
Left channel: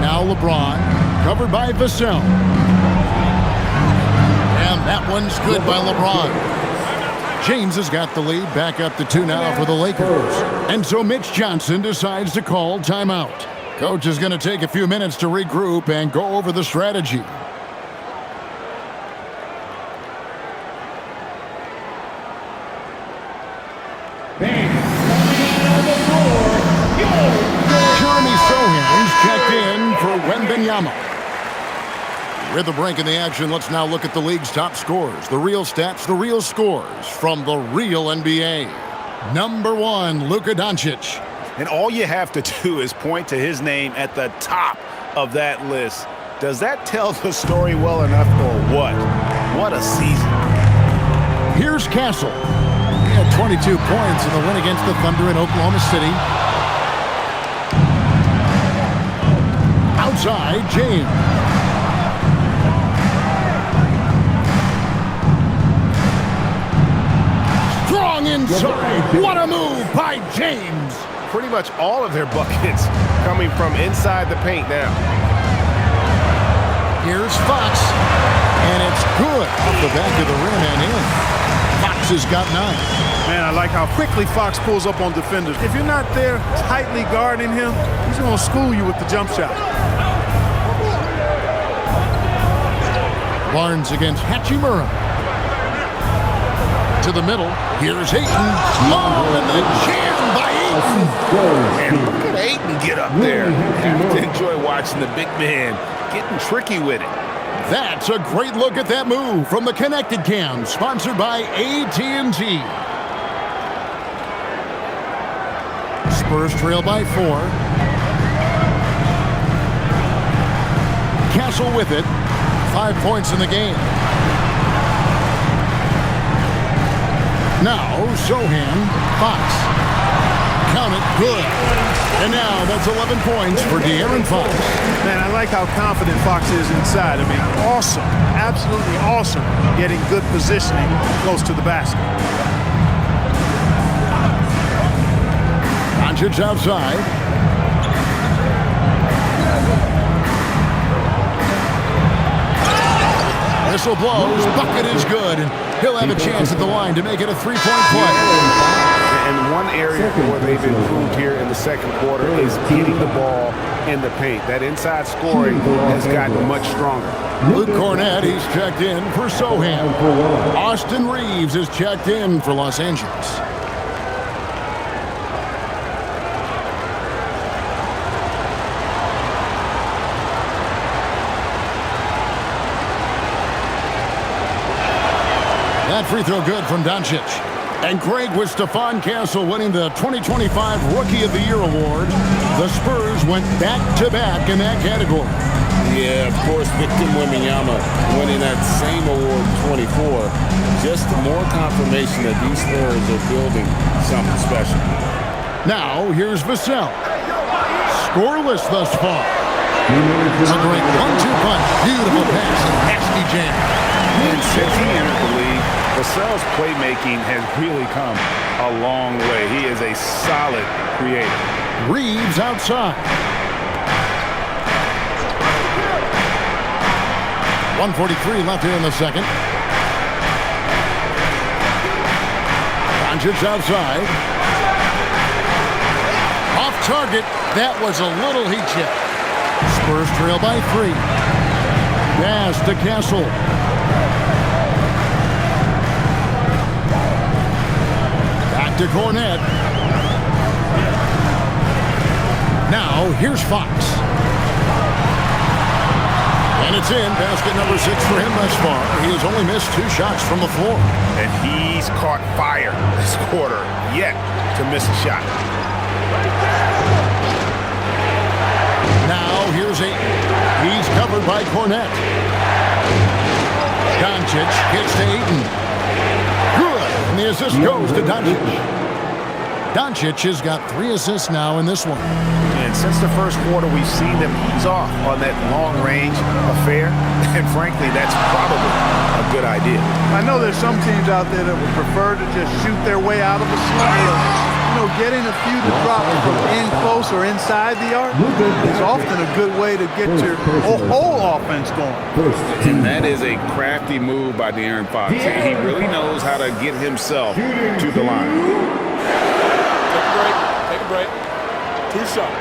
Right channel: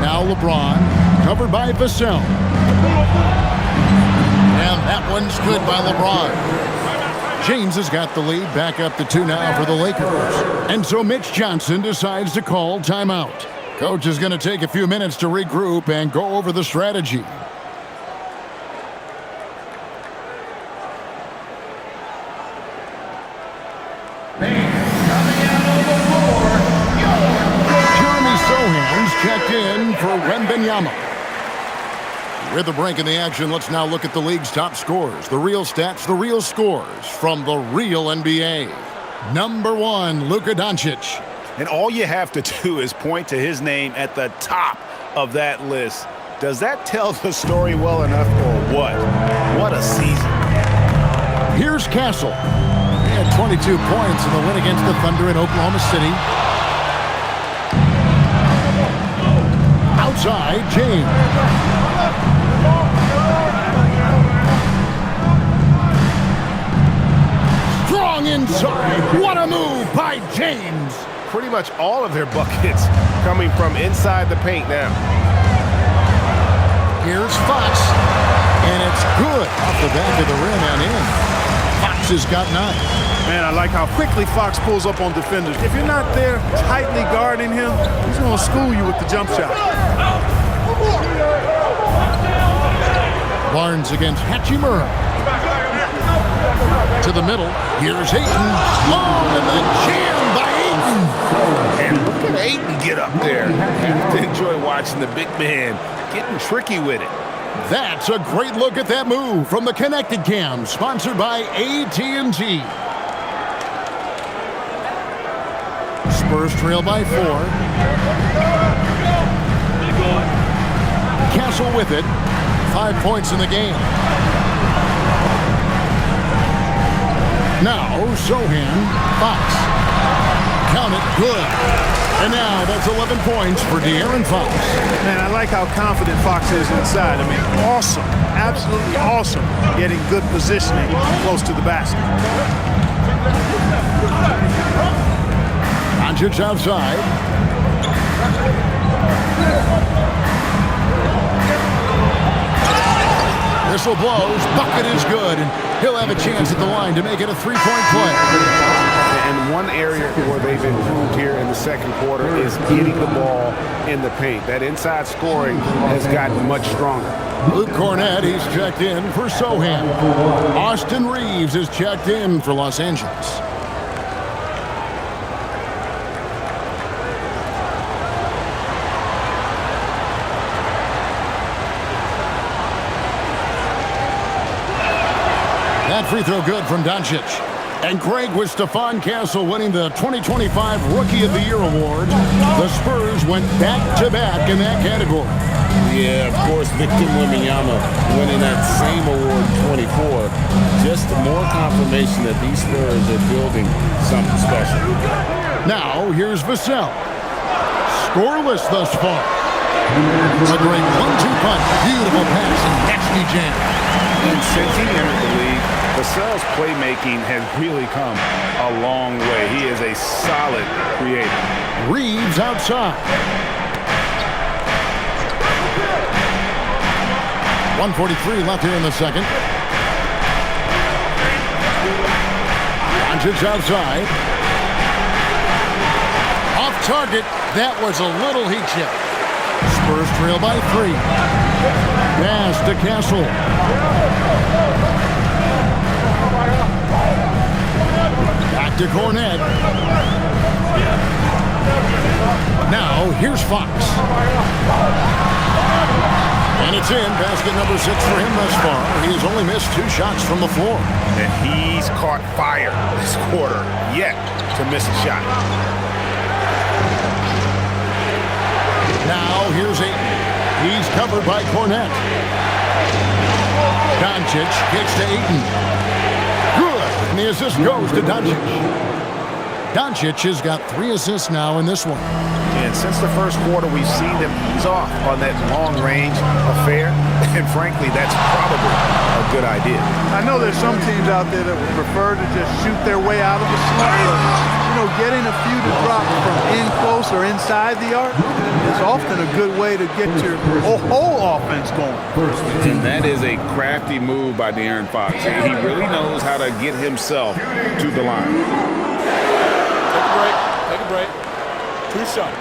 Now LeBron, covered by Vassell. And that one's good by LeBron. James has got the lead, back up to 2 now for the Lakers. And so Mitch Johnson decides to call timeout. Coach is going to take a few minutes to regroup and go over the strategy. Jeremy Sohan's checked in for Wembanyama. With the break in the action, let's now look at the league's top scorers. The real stats, the real scores from the real NBA. Number 1, Luka Doncic. And all you have to do is point to his name at the top of that list. Does that tell the story well enough or what? What a season. Here's Castle. He had 22 points in the win against the Thunder in Oklahoma City. Outside, James. Strong inside. What a move by James. Pretty much all of their buckets coming from inside the paint now. Here's Fox. And it's good off the back of the rim and in. Fox has got 9. Man, I like how quickly Fox pulls up on defenders. If you're not there tightly guarding him, he's going to school you with the jump shot. Barnes against Hachimura. To the middle. Here's Ayton. Oh, and the jam by Ayton. And look at Ayton get up there. Have to enjoy watching the big man getting tricky with it. That's a great look at that move from the Connected Cam, sponsored by AT&T. Spurs trail by 4. Castle with it. 5 points in the game. Now, Sohan, Fox. Count it, good. And now that's 11 points for De'Aaron Fox. Man, I like how confident Fox is inside. I mean, awesome, absolutely awesome, getting good positioning close to the basket. Doncic outside. Whistle blows, bucket is good, and he'll have a chance at the line to make it a 3-point play. And one area where they've improved here in the second quarter is getting the ball in the paint. That inside scoring has gotten much stronger. Luke Cornett, he's checked in for Sohan. Austin Reeves is checked in for Los Angeles. That free throw good from Doncic. And Greg, with Stephon Castle winning the 2025 Rookie of the Year award, the Spurs went back-to-back in that category. Yeah, of course, Victor Wembanyama winning that same award in 24. Just more confirmation that these Spurs are building something special. Now, here's Vassell. Scoreless thus far. A great 1-2 punch. Beautiful pass and nasty jam. And since he entered the league, Vassell's playmaking has really come a long way. He is a solid creator. Reeves outside. 1:43 left here in the second. Doncic outside. Off target. That was a little heat check. Spurs trail by 3. Pass to Castle. Back to Cornet. Now, here's Fox. And it's in. Basket number 6 for him thus far. He has only missed 2 shots from the floor. And he's caught fire this quarter, yet to miss a shot. Now, here's Ayton. He's covered by Cornet. Doncic gets to Ayton. Good. And the assist goes to Doncic. Doncic has got 3 assists now in this one. And since the first quarter, we've seen them ease off on that long-range affair. And frankly, that's probably a good idea. I know there's some teams out there that would prefer to just shoot their way out of a slump. You know, getting a few to drop from in close or inside the arc is often a good way to get your whole offense going. And that is a crafty move by De'Aaron Fox. He really knows how to get himself to the line. Take a break. Take a break. 2 shots.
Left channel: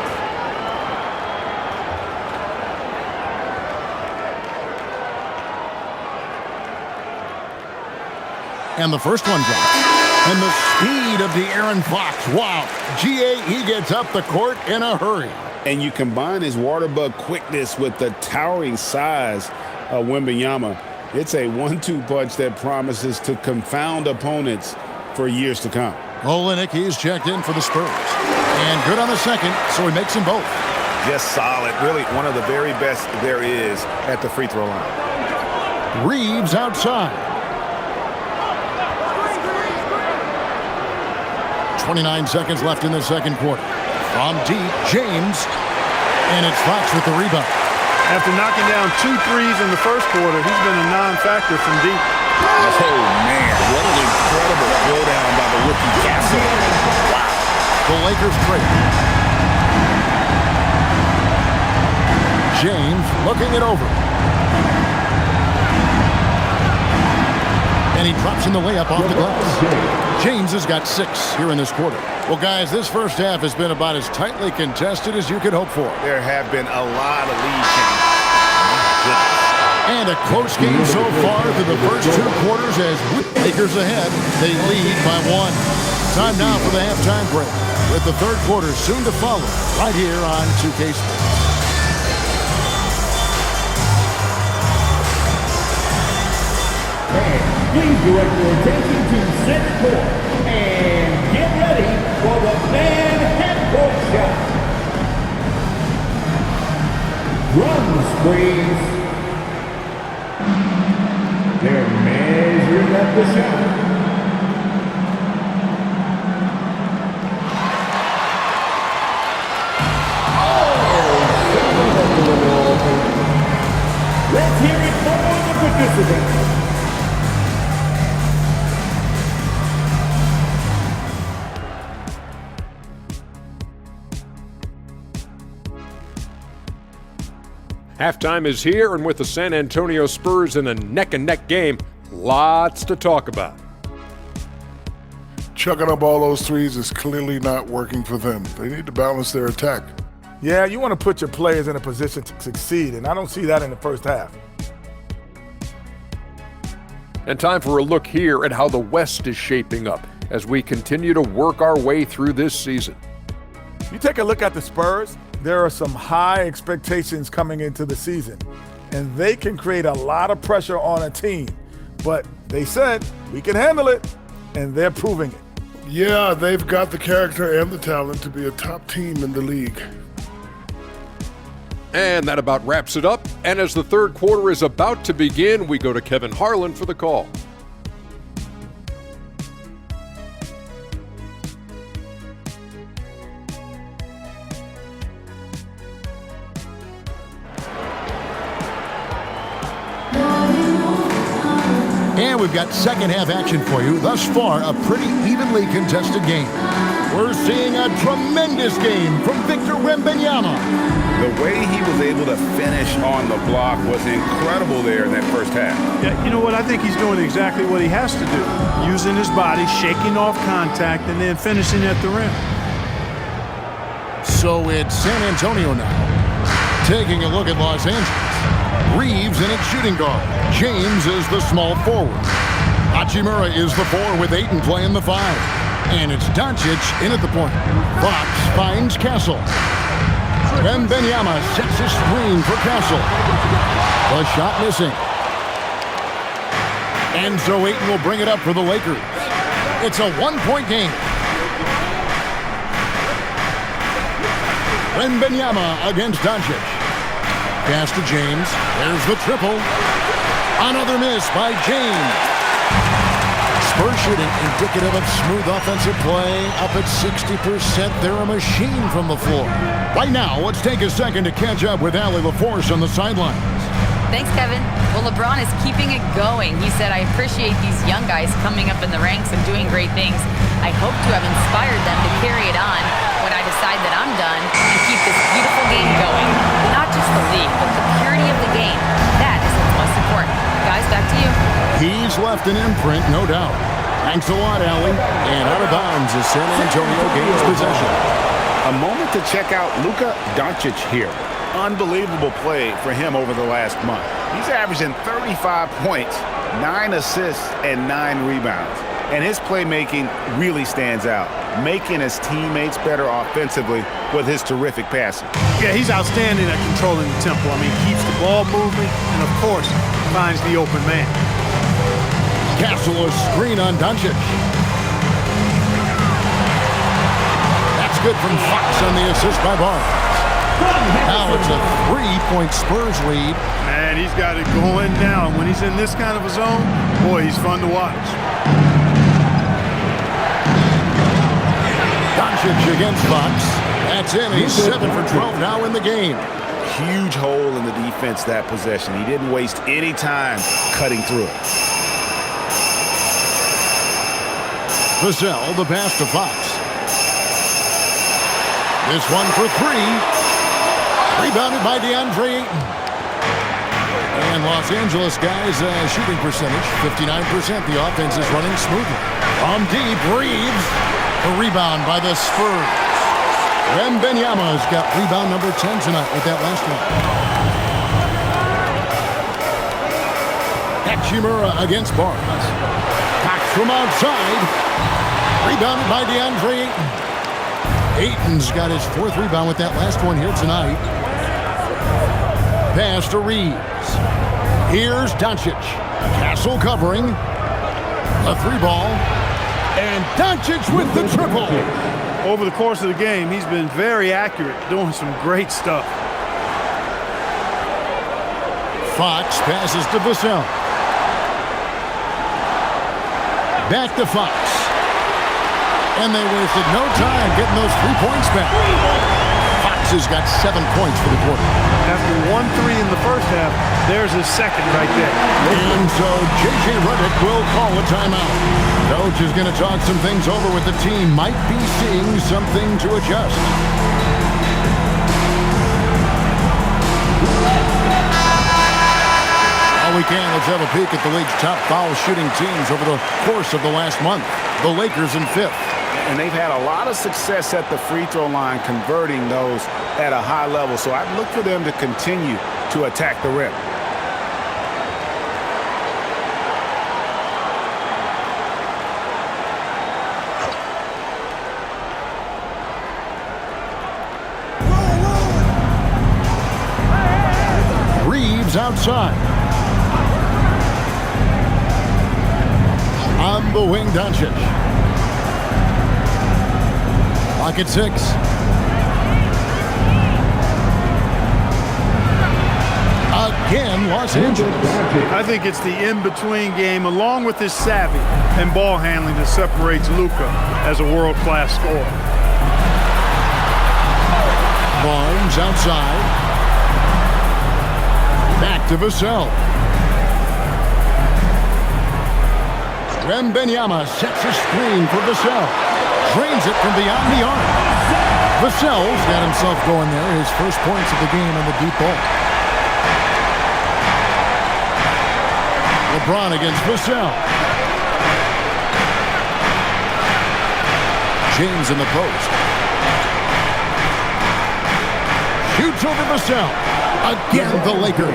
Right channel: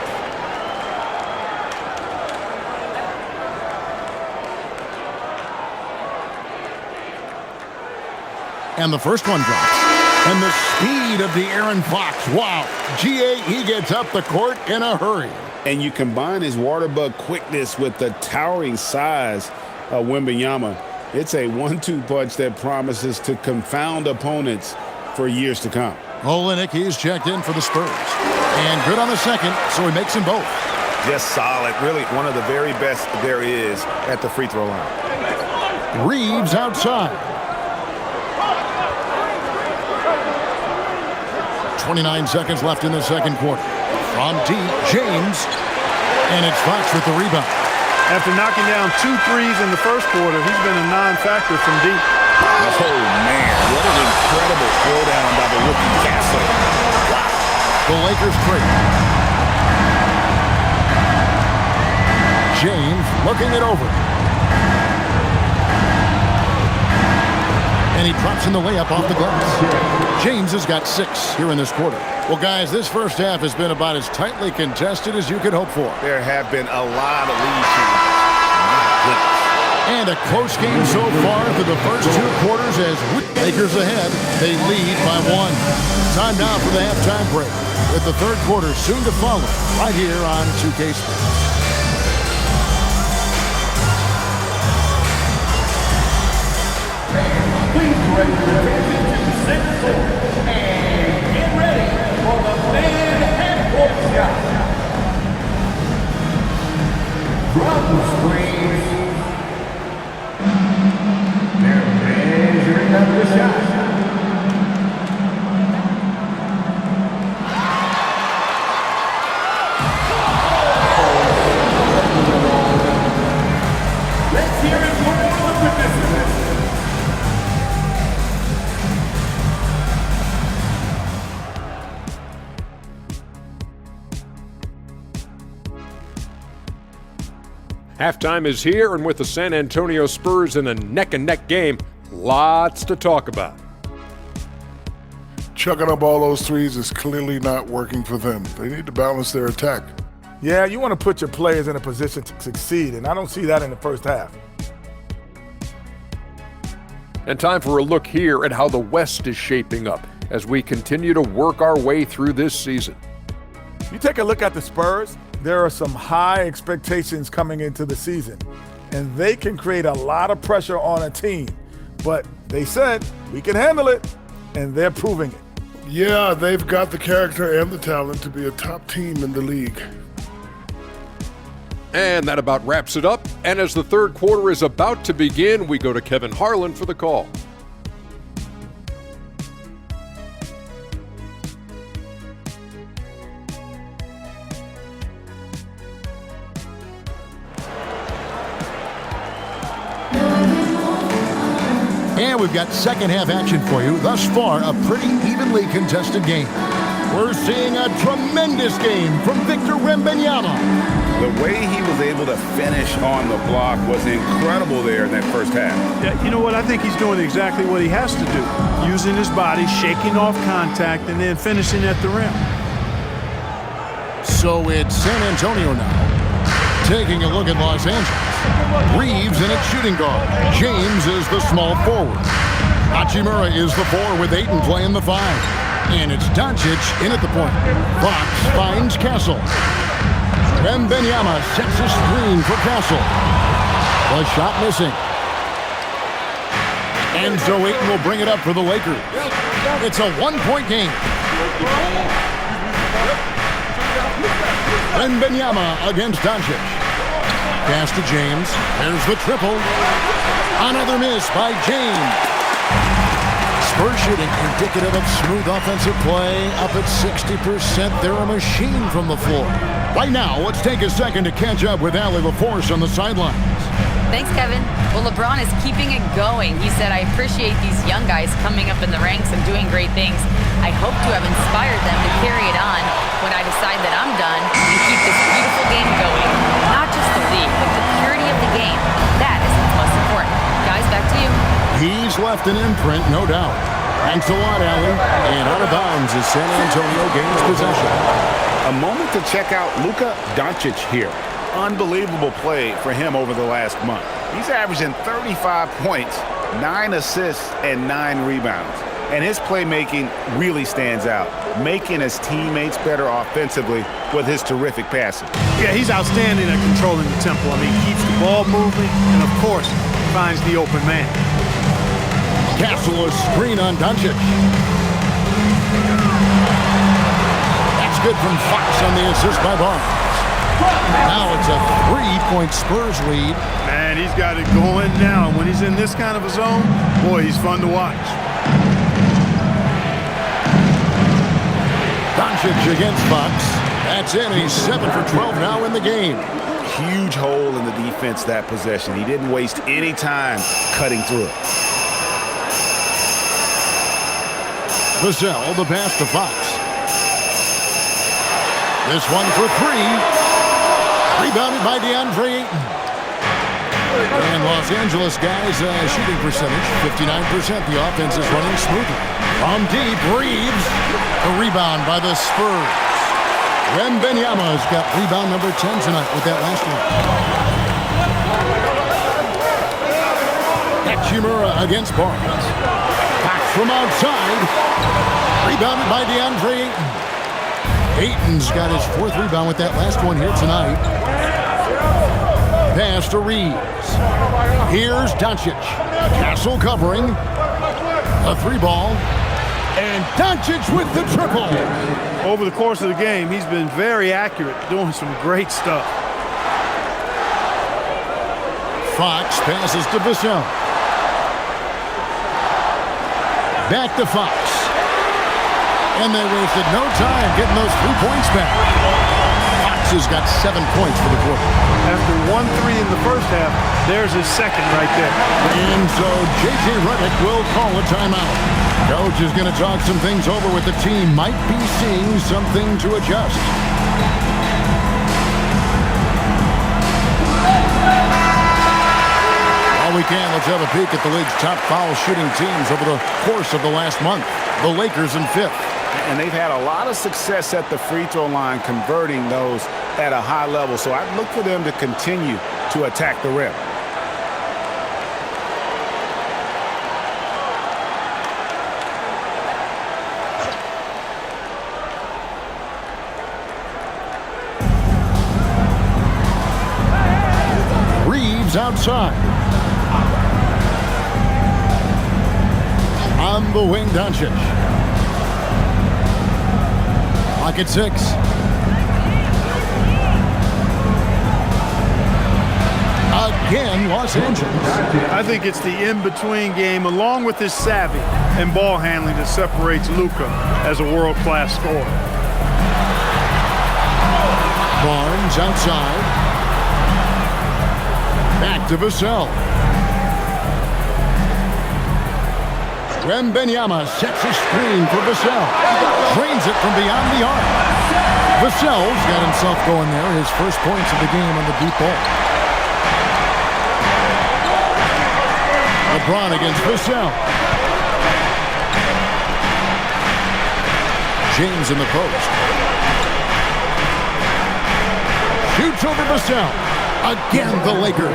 And the first one drops. And the speed of De'Aaron Fox. Wow. G.A., he gets up the court in a hurry. And you combine his water bug quickness with the towering size of Wembanyama. It's a 1-2 punch that promises to confound opponents for years to come. Olynyk, he's checked in for the Spurs. And good on the second, so he makes them both. Just solid. Really one of the very best there is at the free throw line. Reeves outside. 29 seconds left in the second quarter. From deep, James. And it's Fox with the rebound. After knocking down 2 threes in the first quarter, he's been a non-factor from deep. Oh, man. What an incredible throwdown by the rookie Castle. Wow. The Lakers trade. James looking it over. And he drops in the layup off the glass. James has got 6 here in this quarter. Well, guys, this first half has been about as tightly contested as you could hope for. There have been a lot of lead changes. My goodness. And a close game so far through the first 2 quarters as Lakers ahead. They lead by 1. Time now for the halftime break, with the third quarter soon to follow right here on 2K Sports. Please direct your attention to center court and get ready for the fan half-court shot. Drum screens. They're measuring up the shot. Let's hear it for the participants. Halftime is here, and with the San Antonio Spurs in a neck-and-neck game, lots to talk about. Chucking up all those threes is clearly not working for them. They need to balance their attack. Yeah, you want to put your players in a position to succeed, and I don't see that in the first half. And time for a look here at how the West is shaping up as we continue to work our way through this season. You take a look at the Spurs, there are some high expectations coming into the season, and they can create a lot of pressure on a team. But they said, we can handle it, and they're proving it. Yeah, they've got the character and the talent to be a top team in the league. And that about wraps it up. And as the third quarter is about to begin, we go to Kevin Harlan for the call. And we've got second half action for you. Thus far, a pretty evenly contested game. We're seeing a tremendous game from Victor Wembanyama. The way he was able to finish on the block was incredible there in that first half. Yeah, you know what? I think he's doing exactly what he has to do. Using his body, shaking off contact, and then finishing at the rim. So it's San Antonio now. Taking a look at Los Angeles. Reeves in at shooting guard. James is the small forward. Hachimura is the 4 with Ayton playing the 5. And it's Doncic in at the point. Fox finds Castle. Wembanyama sets a screen for Castle. The shot missing. And so Ayton will bring it up for the Lakers. It's a 1-point game. Wembanyama against Doncic. Pass to James. There's the triple. Another miss by James. Spurs shooting indicative of smooth offensive play. Up at 60%. They're a machine from the floor. Right now, let's take a second to catch up with Allie LaForce on the sidelines. Thanks, Kevin. Well, LeBron is keeping it going. He said, I appreciate these young guys coming up in the ranks and doing great things. I hope to have inspired them to carry it on when I decide that I'm done and keep this beautiful game going. Not just the league, but the purity of the game. That is what's most important. Guys, back to you. He's left an imprint, no doubt. Thanks a lot, Allie. And out of bounds as San Antonio gains possession. A moment to check out Luka Doncic here. Unbelievable play for him over the last month. He's averaging 35 points, 9 assists, and 9 rebounds. And his playmaking really stands out, making his teammates better offensively with his terrific passing. Yeah, he's outstanding at controlling the tempo. I mean, keeps the ball moving and, of course, finds the open man. Castle a screen on Doncic. That's good from Fox on the assist by Barnes. Now it's a 3-point Spurs lead. Man, he's got it going now. When he's in this kind of a zone, boy, he's fun to watch. Doncic against Fox. That's in. He's 7 for 12 now in the game. Huge hole in the defense that possession. He didn't waste any time cutting through it. Vassell, the pass to Fox. This one for 3. Rebounded by DeAndre Ayton. And Los Angeles guys shooting percentage, 59%. The offense is running smoothly. From deep, Reeves. A rebound by the Spurs. Wembanyama's got rebound number 10 tonight with that last one. Hachimura against Barnes. Fox from outside. Rebounded by DeAndre Ayton. Ayton's got his 4th rebound with that last one here tonight. Pass to Reeves. Here's Doncic. Castle covering. A 3-ball. And Doncic with the triple. Over the course of the game, he's been very accurate, doing some great stuff. Fox passes to Vassell. Back to Fox. And they wasted no time getting those 3 points back. Fox has got 7 points for the quarter. After 1-3 in the first half, there's his second right there. And so J.J. Redick will call a timeout. Coach is going to talk some things over with the team. Might be seeing something to adjust. While we can, let's have a peek at the league's top foul shooting teams over the course of the last month. The Lakers in 5th. And they've had a lot of success at the free throw line, converting those at a high level. So I'd look for them to continue to attack the rim. Reeves outside. On the wing, Doncic. Clock at 6. Again, Los Angeles. I think it's the in-between game, along with his savvy and ball handling, that separates Luka as a world-class scorer. Barnes outside. Back to Vassell. Wembanyama sets a screen for Vassell. Drains it from beyond the arc. Vassell's got himself going there. His first points of the game on the deep ball. LeBron against Vassell. James in the post. Shoots over Vassell. Again, the Lakers.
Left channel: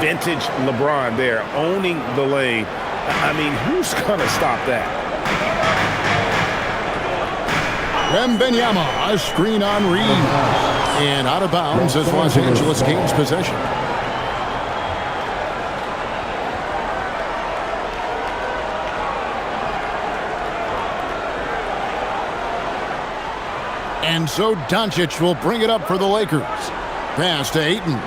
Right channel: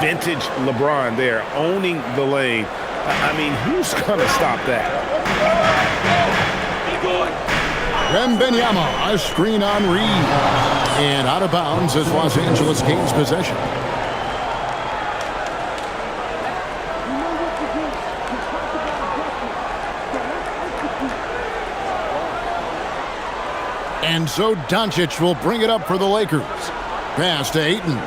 Vintage LeBron there, owning the lane. I mean, who's going to stop that? Wembanyama, a screen on Reeves. And out of bounds as Los Angeles gains possession. And so Doncic will bring it up for the Lakers. Pass to Ayton.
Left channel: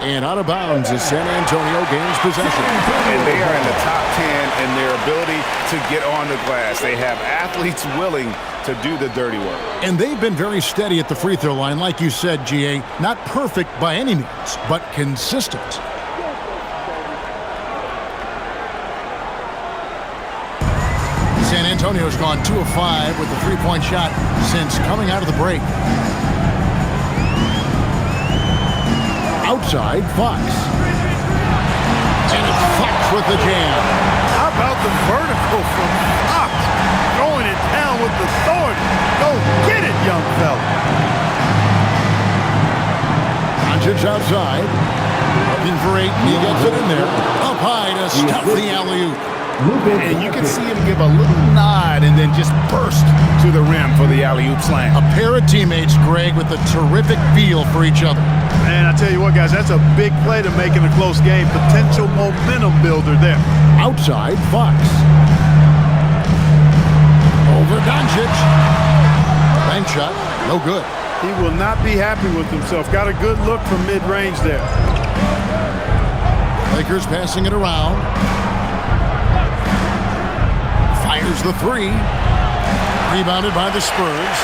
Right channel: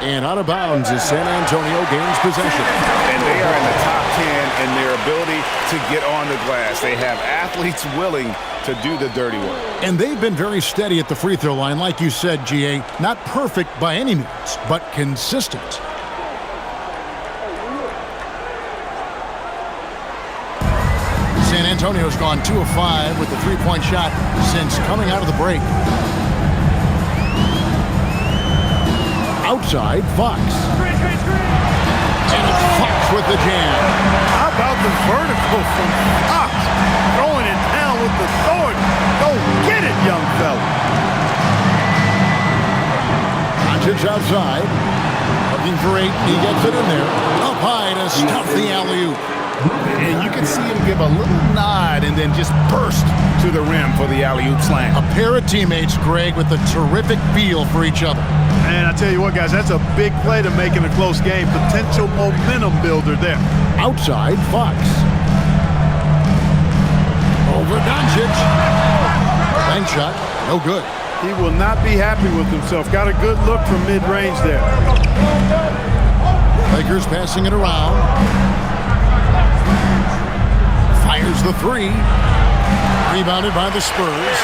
And out of bounds as San Antonio gains possession. And they are in the top 10 in their ability to get on the glass. They have athletes willing to do the dirty work. And they've been very steady at the free throw line, like you said, GA. Not perfect by any means, but consistent. San Antonio's gone 2 of 5 with the three-point shot since coming out of the break. Outside, Fox. And it's Fox with the jam. How about the vertical from Fox? Throwing it down with authority. Go get it, young fella. Doncic outside. Looking for Ayton. He gets it in there. Up high to stuff the alley-oop. And you can see him give a little nod and then just burst to the rim for the alley-oop slam. A pair of teammates, Greg, with a terrific feel for each other. And I tell you what, guys, that's a big play to make in a close game. Potential momentum builder there. Outside, Fox. Over Doncic. Bank shot, no good. He will not be happy with himself. Got a good look from mid-range there. Lakers passing it around. Fires the three. Rebounded by the Spurs.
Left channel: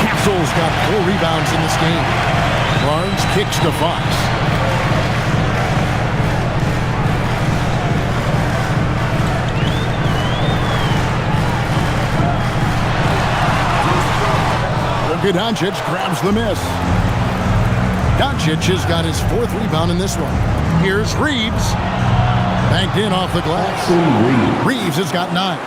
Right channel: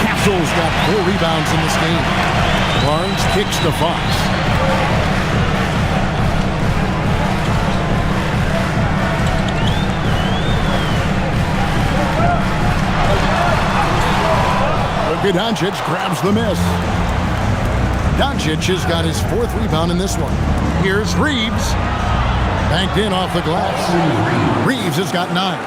Castle's got 4 rebounds in this game. Barnes kicks to Fox. Luka Doncic grabs the miss. Doncic has got his 4th rebound in this one. Here's Reeves. Banked in off the glass. Reeves has got 9.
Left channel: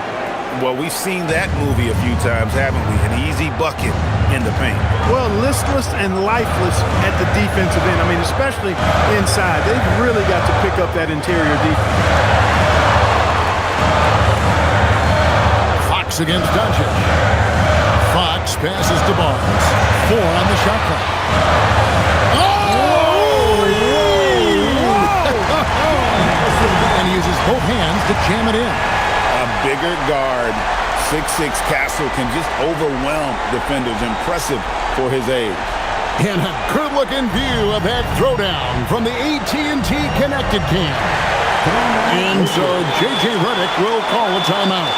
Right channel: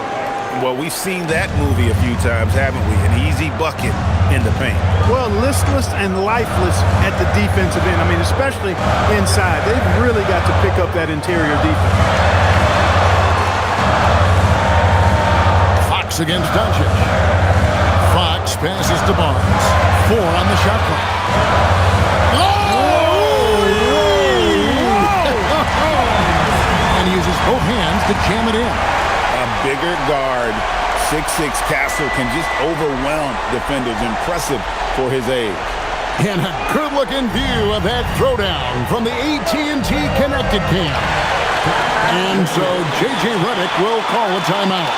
Well, we've seen that movie a few times, haven't we? An easy bucket in the paint. Well, listless and lifeless at the defensive end. I mean, especially inside. They've really got to pick up that interior defense. Fox against Doncic. Fox passes to Barnes. 4 on the shot clock. And he uses both hands to jam it in. A bigger guard, 6'6" Castle, can just overwhelm defenders. Impressive for his age. And a good-looking view of that throwdown from the AT&T Connected Cam. And so J.J. Redick will call a timeout.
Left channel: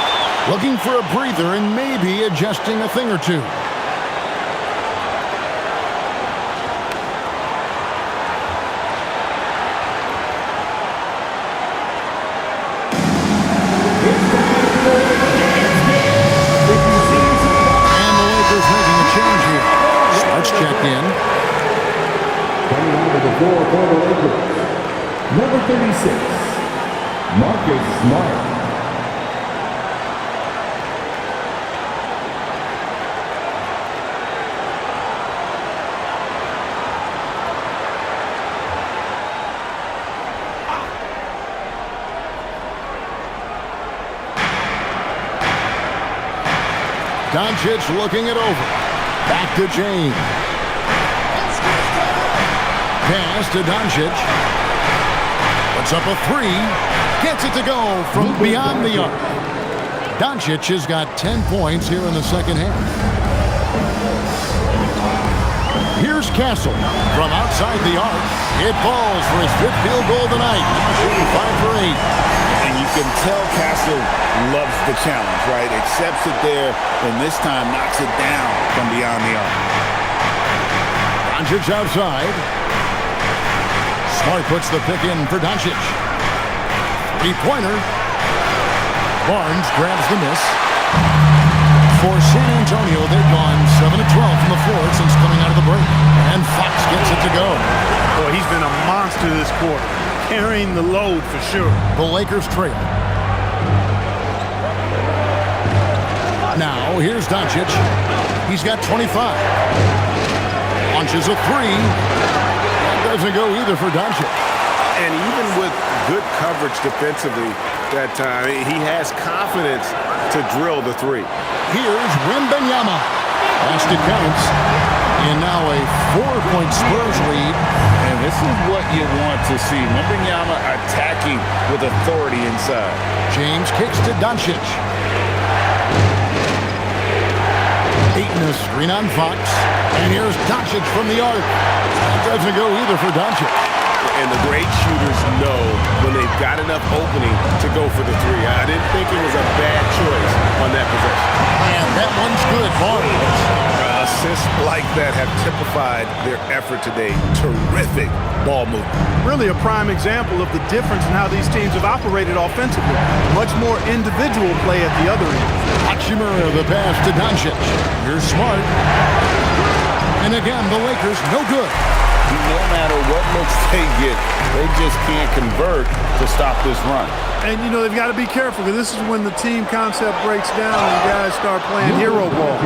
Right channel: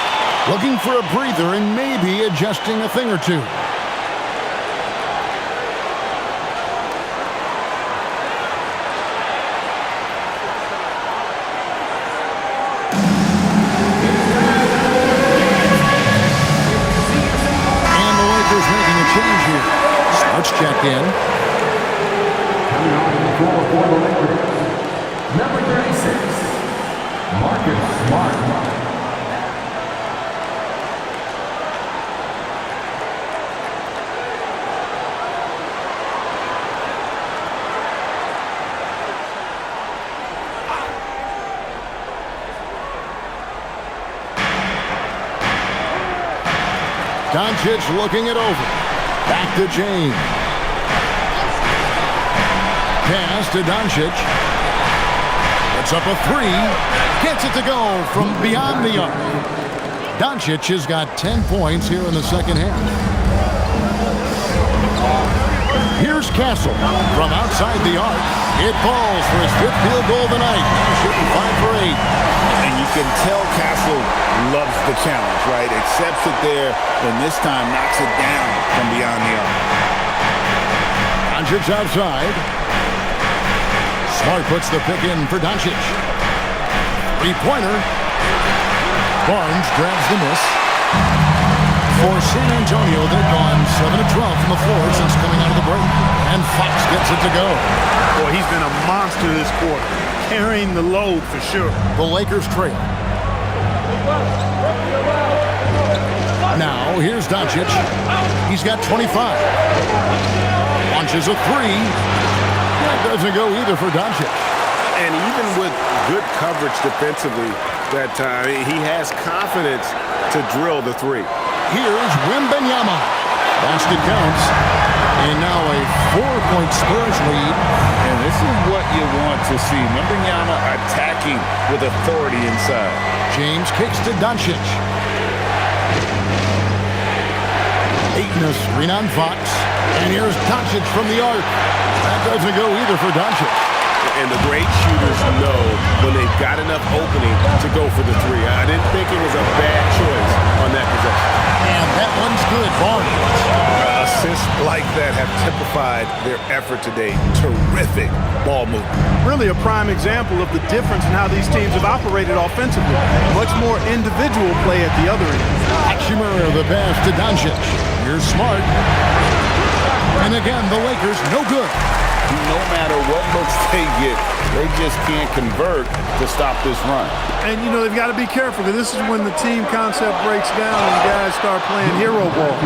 Looking for a breather and maybe adjusting a thing or two. Making a change here. Smart's checked in. Coming onto the floor for the Lakers, number 36, Marcus Smart. Doncic looking it over. Back to James. Pass to Doncic. Puts up a 3. Gets it to go from beyond the arc. Doncic has got 10 points here in the second half. Here's Castle from outside the arc. It falls for his 5th field goal tonight. Now shooting 5 for 8. And you can tell Castle loves the challenge, right? Accepts it there, and this time knocks it down from beyond the arc. Doncic outside. Smart puts the pick in for Doncic. 3-pointer. Barnes grabs the miss. For San Antonio, they've gone 7 of 12 from the floor since coming out of the break. And Fox gets it to go. Boy, he's been a monster this quarter. Carrying the load for sure. The Lakers trail. Now, here's Doncic. He's got 25. Launches a three. That doesn't go either for Doncic. And even with good coverage defensively that time, he has confidence to drill the three. Here's Wembanyama. Basket counts. And now a 4-point Spurs lead. And this is what you want to see. Wembanyama attacking with authority inside. James kicks to Doncic. Ayton a screen on Fox. And here's Doncic from the arc. That doesn't go either for Doncic. And the great shooters know when they've got enough opening to go for the three. I didn't think it was a bad choice on that possession. And that one's good. Barnes. Assists like that have typified their effort today. Terrific ball movement. Really a prime example of the difference in how these teams have operated offensively. Much more individual play at the other end. Hachimura the pass to Doncic. Here's Smart. And again, the Lakers no good. No matter what looks they get, they just can't convert to stop this run. And, you know, they've got to be careful because this is when the team concept breaks down and guys start playing hero ball.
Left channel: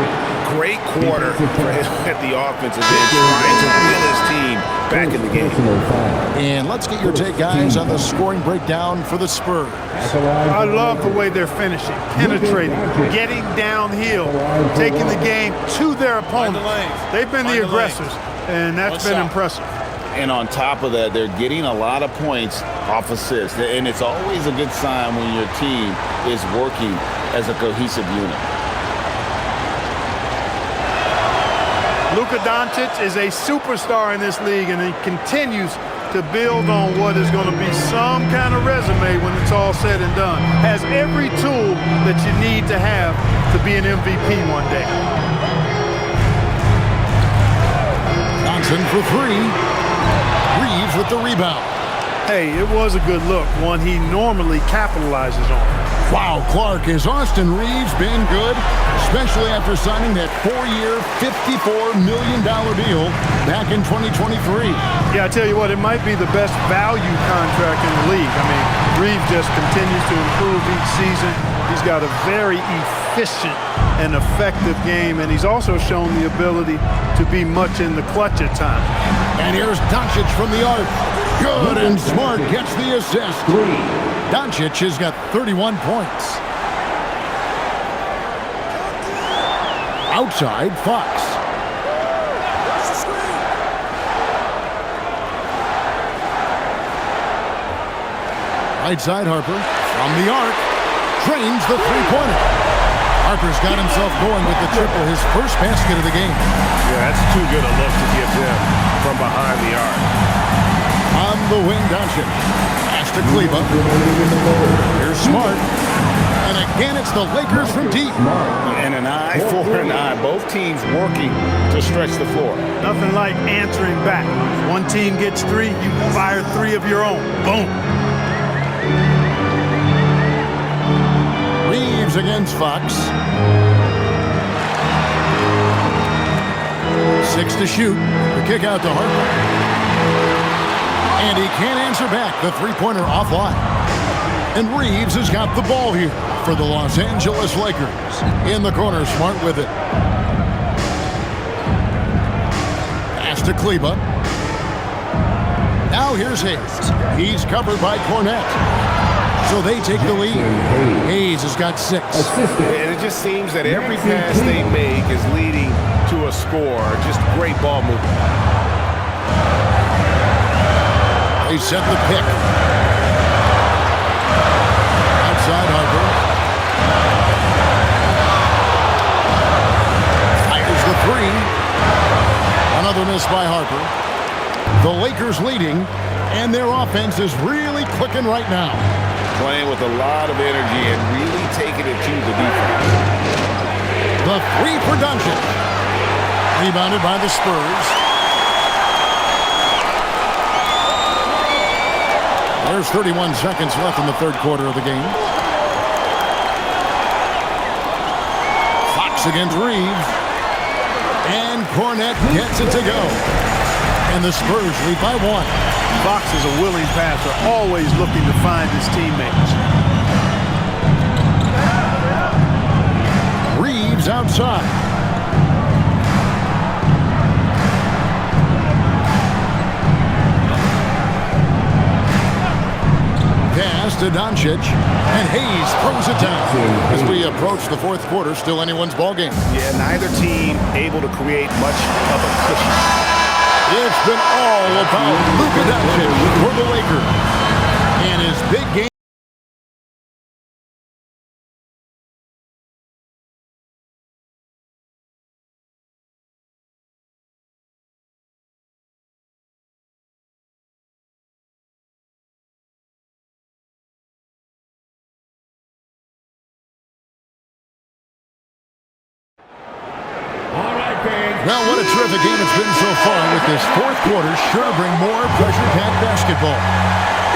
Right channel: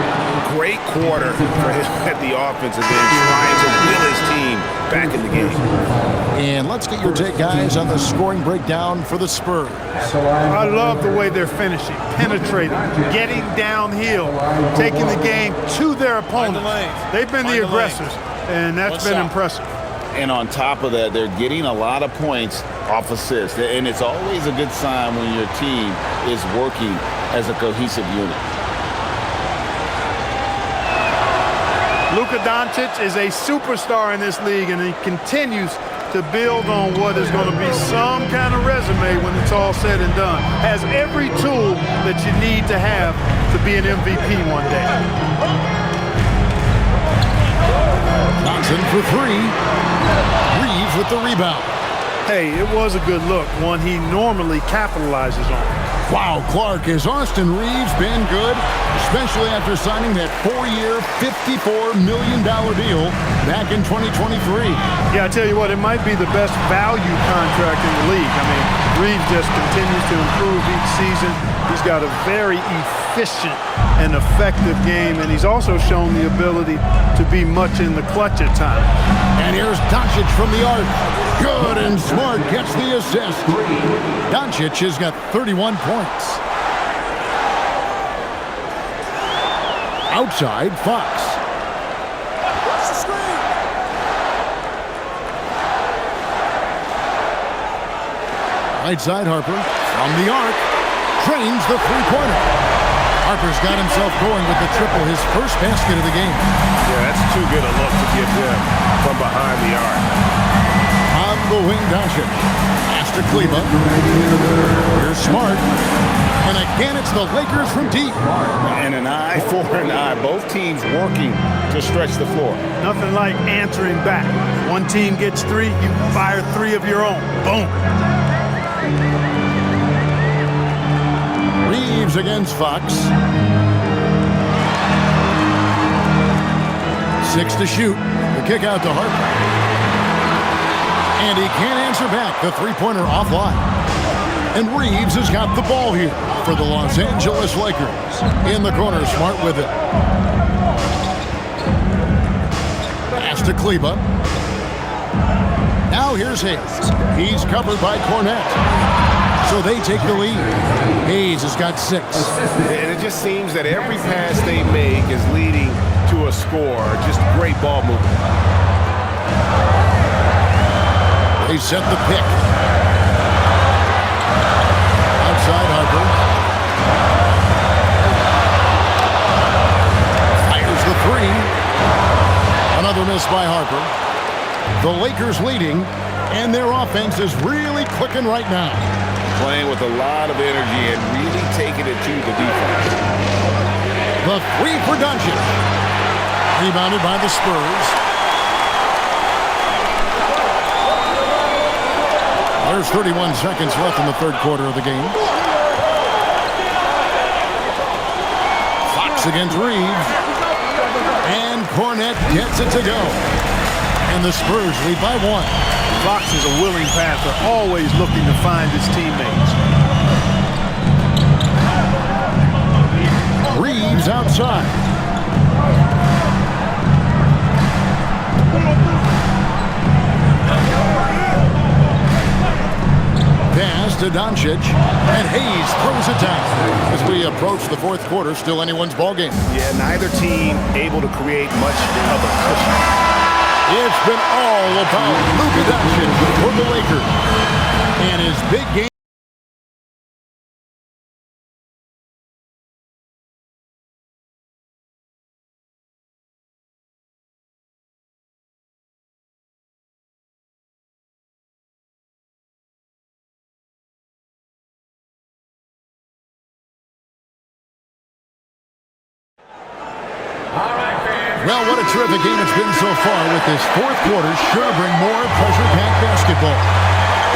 Great quarter for him at the offensive end, trying to wheel his team back in the game. And let's get your take, guys, on the scoring breakdown for the Spurs. I love the way they're finishing, penetrating, getting downhill, taking the game to their opponents. They've been the aggressors, and that's been impressive. And on top of that, they're getting a lot of points off assists. And it's always a good sign when your team is working as a cohesive unit. Luka Doncic is a superstar in this league, and he continues to build on what is going to be some kind of resume when it's all said and done. Has every tool that you need to have to be an MVP one day. Johnson for three. Reeves with the rebound. Hey, it was a good look, one he normally capitalizes on. Wow, Clark, has Austin Reeves been good? Especially after signing that 4-year, $54 million deal back in 2023. Yeah, I tell you what, it might be the best value contract in the league. I mean, Reeves just continues to improve each season. He's got a very efficient and effective game, and he's also shown the ability to be much in the clutch at times. And here's Doncic from the arc. Good, and Smart gets the assist. Doncic has got 31 points. Outside, Fox. Right side, Harper. From the arc. Trains the three-pointer. Harper's got himself going with the triple, his first basket of the game. Yeah, that's too good a look to give him from behind the arc. On the wing, Doncic. Pass to Kleba. Here's Smart. And again, it's the Lakers from deep. And an eye for an eye. Both teams working to stretch the floor. Nothing like answering back. One team gets three, you fire three of your own. Boom. Reeves against Fox. 6 to shoot. The kick out to Harper. And he can't answer back. The three-pointer offline. And Reeves has got the ball here for the Los Angeles Lakers. In the corner, Smart with it. Pass to Kleba. Now here's Hayes. He's covered by Cornette. So they take the lead. Hayes has got 6. And it just seems that every pass they make is leading to a score. Just great ball movement. They set the pick. Outside Harper. Fires the three. Another miss by Harper. The Lakers leading, and their offense is really clicking right now. Playing with a lot of energy and really taking it to the defense. The three for Doncic. Rebounded by the Spurs. There's 31 seconds left in the third quarter of the game. Fox against Reeves. And Cornette gets it to go. And the Spurs lead by 1. Fox is a willing passer, always looking to find his teammates. Reeves outside. Pass to Doncic, and Hayes throws it down. As we approach the fourth quarter, still anyone's ballgame. Yeah, neither team able to create much of a cushion. It's been all about Luka Doncic for the Lakers. And his big game. Well, what a terrific game it's been so far, with this fourth quarter sure to bring more pressure-packed basketball.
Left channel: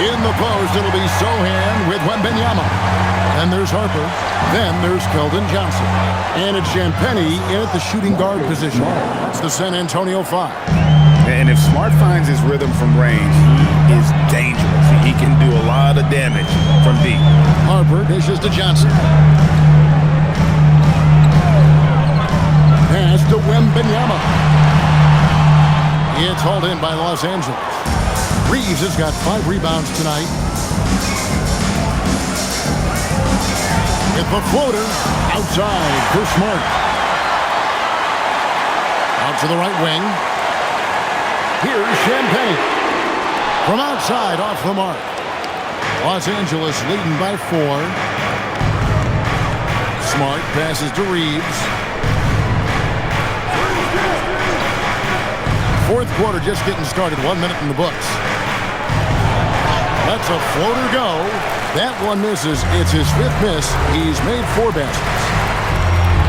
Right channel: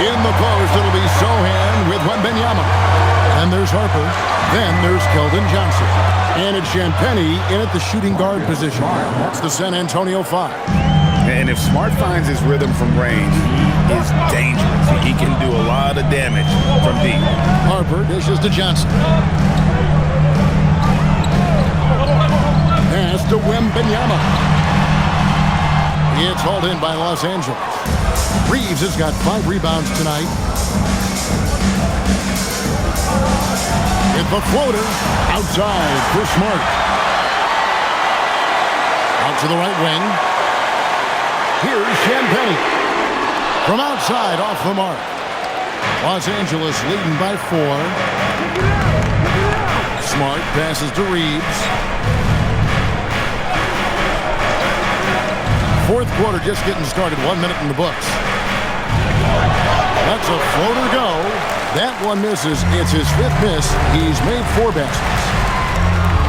In the post, it'll be Sohan with Wembanyama. Then there's Harper. Then there's Keldon Johnson. And it's Champagnie in at the shooting guard position. That's the San Antonio 5. And if Smart finds his rhythm from range, he is dangerous. He can do a lot of damage from deep. Harper dishes to Johnson. Pass to Wembanyama. It's hauled in by Los Angeles. Reeves has got 5 rebounds tonight. With the floater outside for Smart. Out to the right wing. Here's Champagnie. From outside, off the mark. Los Angeles leading by 4. Smart passes to Reeves. Fourth quarter just getting started. 1 minute in the books. That's a floater go. That one misses. It's his 5th miss. He's made 4 baskets.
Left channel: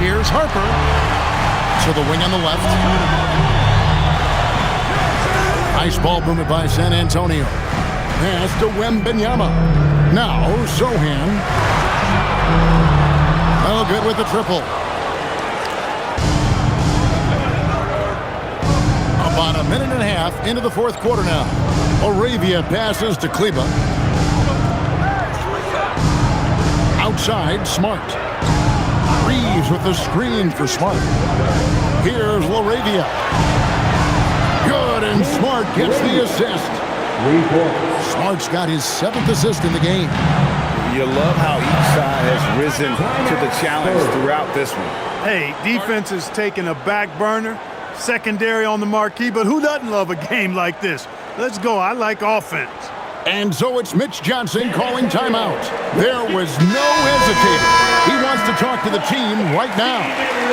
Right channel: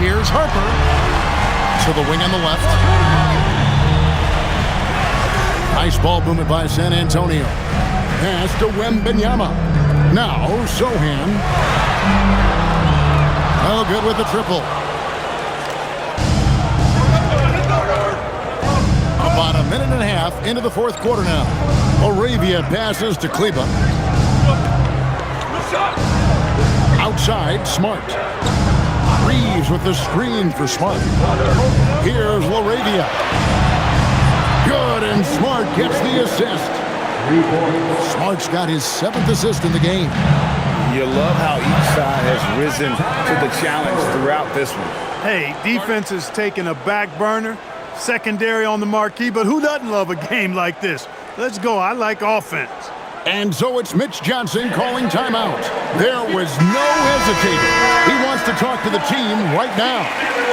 Here's Harper. To the wing on the left. Nice ball movement by San Antonio. Pass to Wembanyama. Now Sohan. Oh, good with the triple. About a minute and a half into the fourth quarter now. Arabia passes to Kleba. Outside, Smart. Reeves with the screen for Smart. Here's LaRavia. Good, and Smart gets the assist. Smart's got his 7th assist in the game. You love how each side has risen to the challenge throughout this one. Hey, defense is taking a back burner. Secondary on the marquee, but who doesn't love a game like this? Let's go. I like offense. And so it's Mitch Johnson calling timeout. There was no hesitating. He wants to talk to the team right now.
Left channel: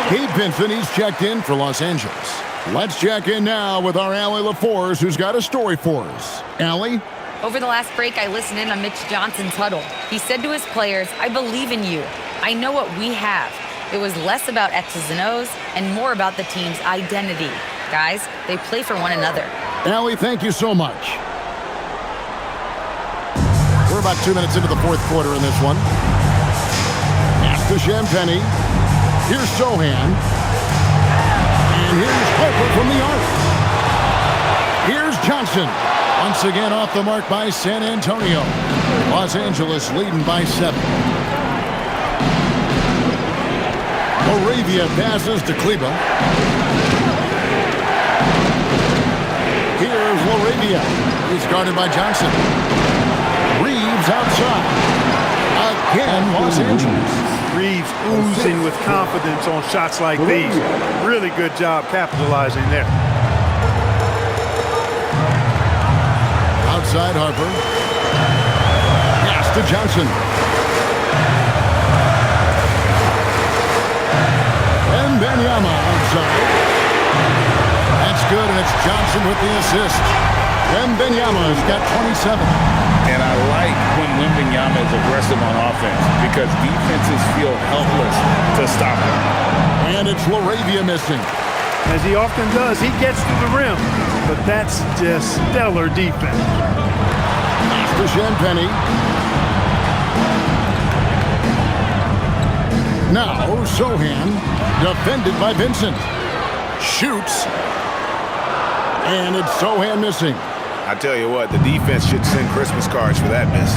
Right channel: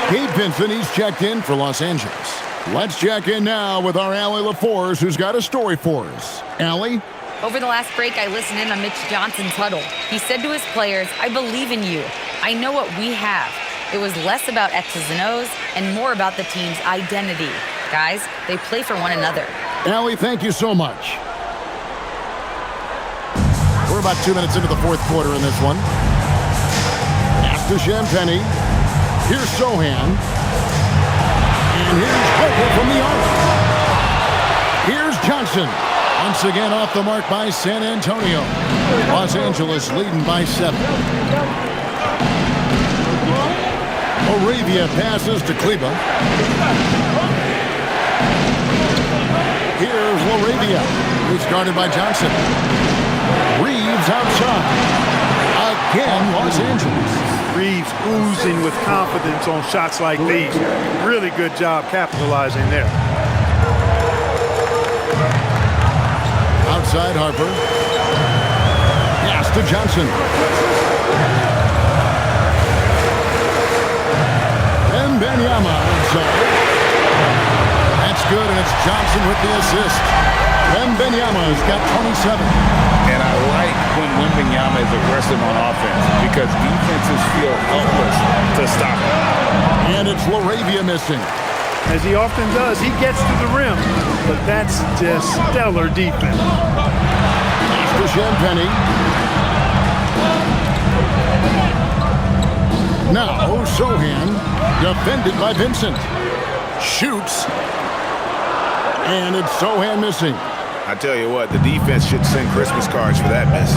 Gabe Vincent, he's checked in for Los Angeles. Let's check in now with our Allie LaForce, who's got a story for us. Allie? Over the last break, I listened in on Mitch Johnson's huddle. He said to his players, I believe in you. I know what we have. It was less about X's and O's and more about the team's identity. Guys, they play for one another. Allie, thank you so much. We're about 2 minutes into the fourth quarter in this one. Pass to Champagnie. Here's Sohan. And here's Harper from the arc. Here's Johnson. Once again off the mark by San Antonio. Los Angeles leading by 7. Arabia passes to Kleba. Here's LaRavia. He's guarded by Johnson. Reeves outside. Again, Los Angeles. Reeves oozing with confidence on shots like these. Really good job capitalizing there. Outside Harper. Pass to Johnson. Wembanyama outside. That's good, and it's Johnson with the assist. Wembanyama's got 27. And I like when Wembanyama is aggressive on offense because defenses feel helpless to stop him. And it's LaRavia missing. As he often does, he gets to the rim, but that's just stellar defense. Pass to Champagnie. Now Sohan, defended by Vincent. Shoots. And it's Sohan missing. I tell you what, the defense should send Christmas cards for that miss.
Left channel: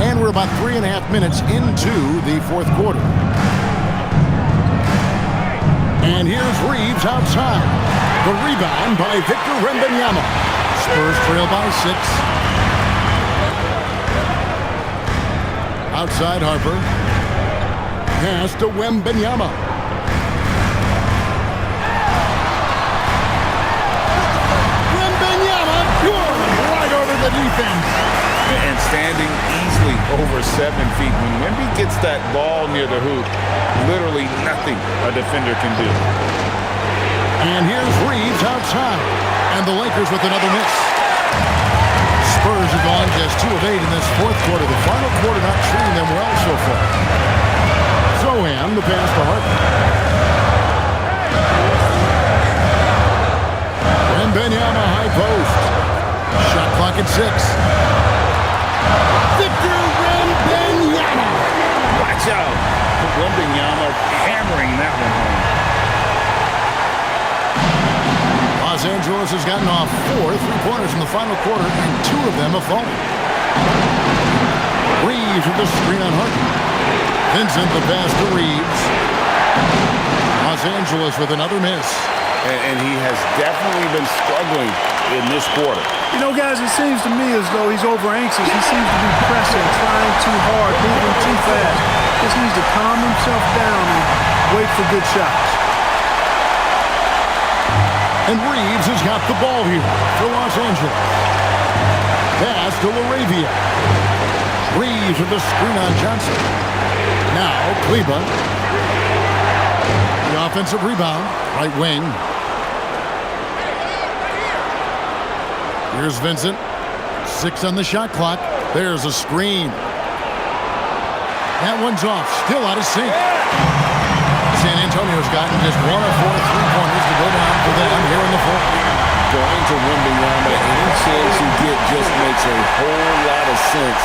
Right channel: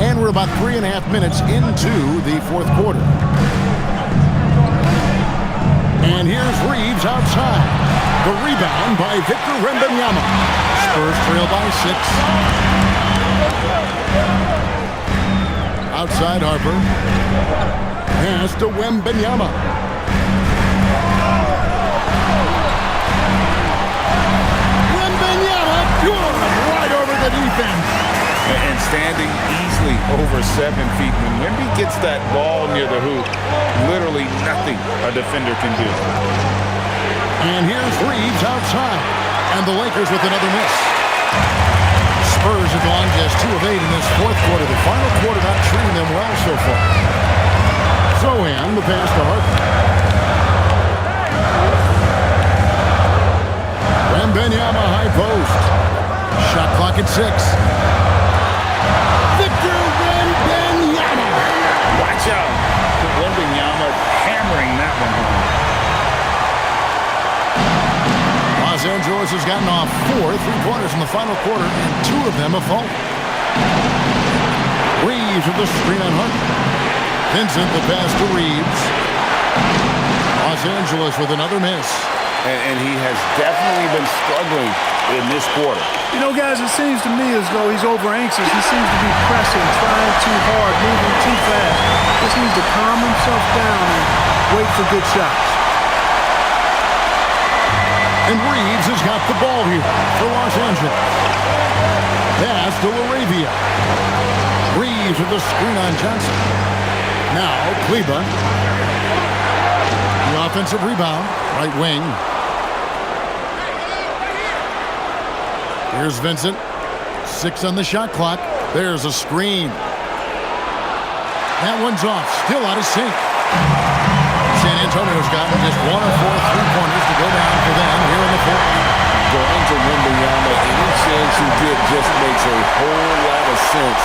And we're about 3.5 minutes into the fourth quarter. And here's Reeves outside. The rebound by Victor Wembanyama. Spurs trail by 6. Outside Harper. Pass to Wembanyama. Wembanyama, good, right over the defense. And standing easily over 7 feet. When Wemby gets that ball near the hoop, literally nothing a defender can do. And here's Reeves outside. And the Lakers with another miss. Spurs have gone just 2 of 8 in this fourth quarter. The final quarter not treating them well so far. Zohan, the pass to Harper. Wembanyama high post. Shot clock at 6. Victor Wembanyama. Watch out. Wembanyama hammering that one home. Los Angeles has gotten off 4 3-pointers in the final quarter, and 2 of them have fallen. Reeves with the screen on Harper. Vincent the pass to Reeves. Los Angeles with another miss. And he has definitely been struggling in this quarter. You know, guys, it seems to me as though he's over-anxious. He seems to be pressing, trying too hard, moving too fast. Just needs to calm himself down and wait for good shots. And Reeves has got the ball here for Los Angeles. Pass to LaRavia. Reeves with the screen on Johnson. Now Kleber. The offensive rebound, right wing. Here's Vincent. 6 on the shot clock. There's a screen. That one's off. Still out of sync. San Antonio's gotten just 1 of 4 3-pointers to go down for them here in the fourth. Going to Wembanyama, any chance you get just makes a whole lot of sense.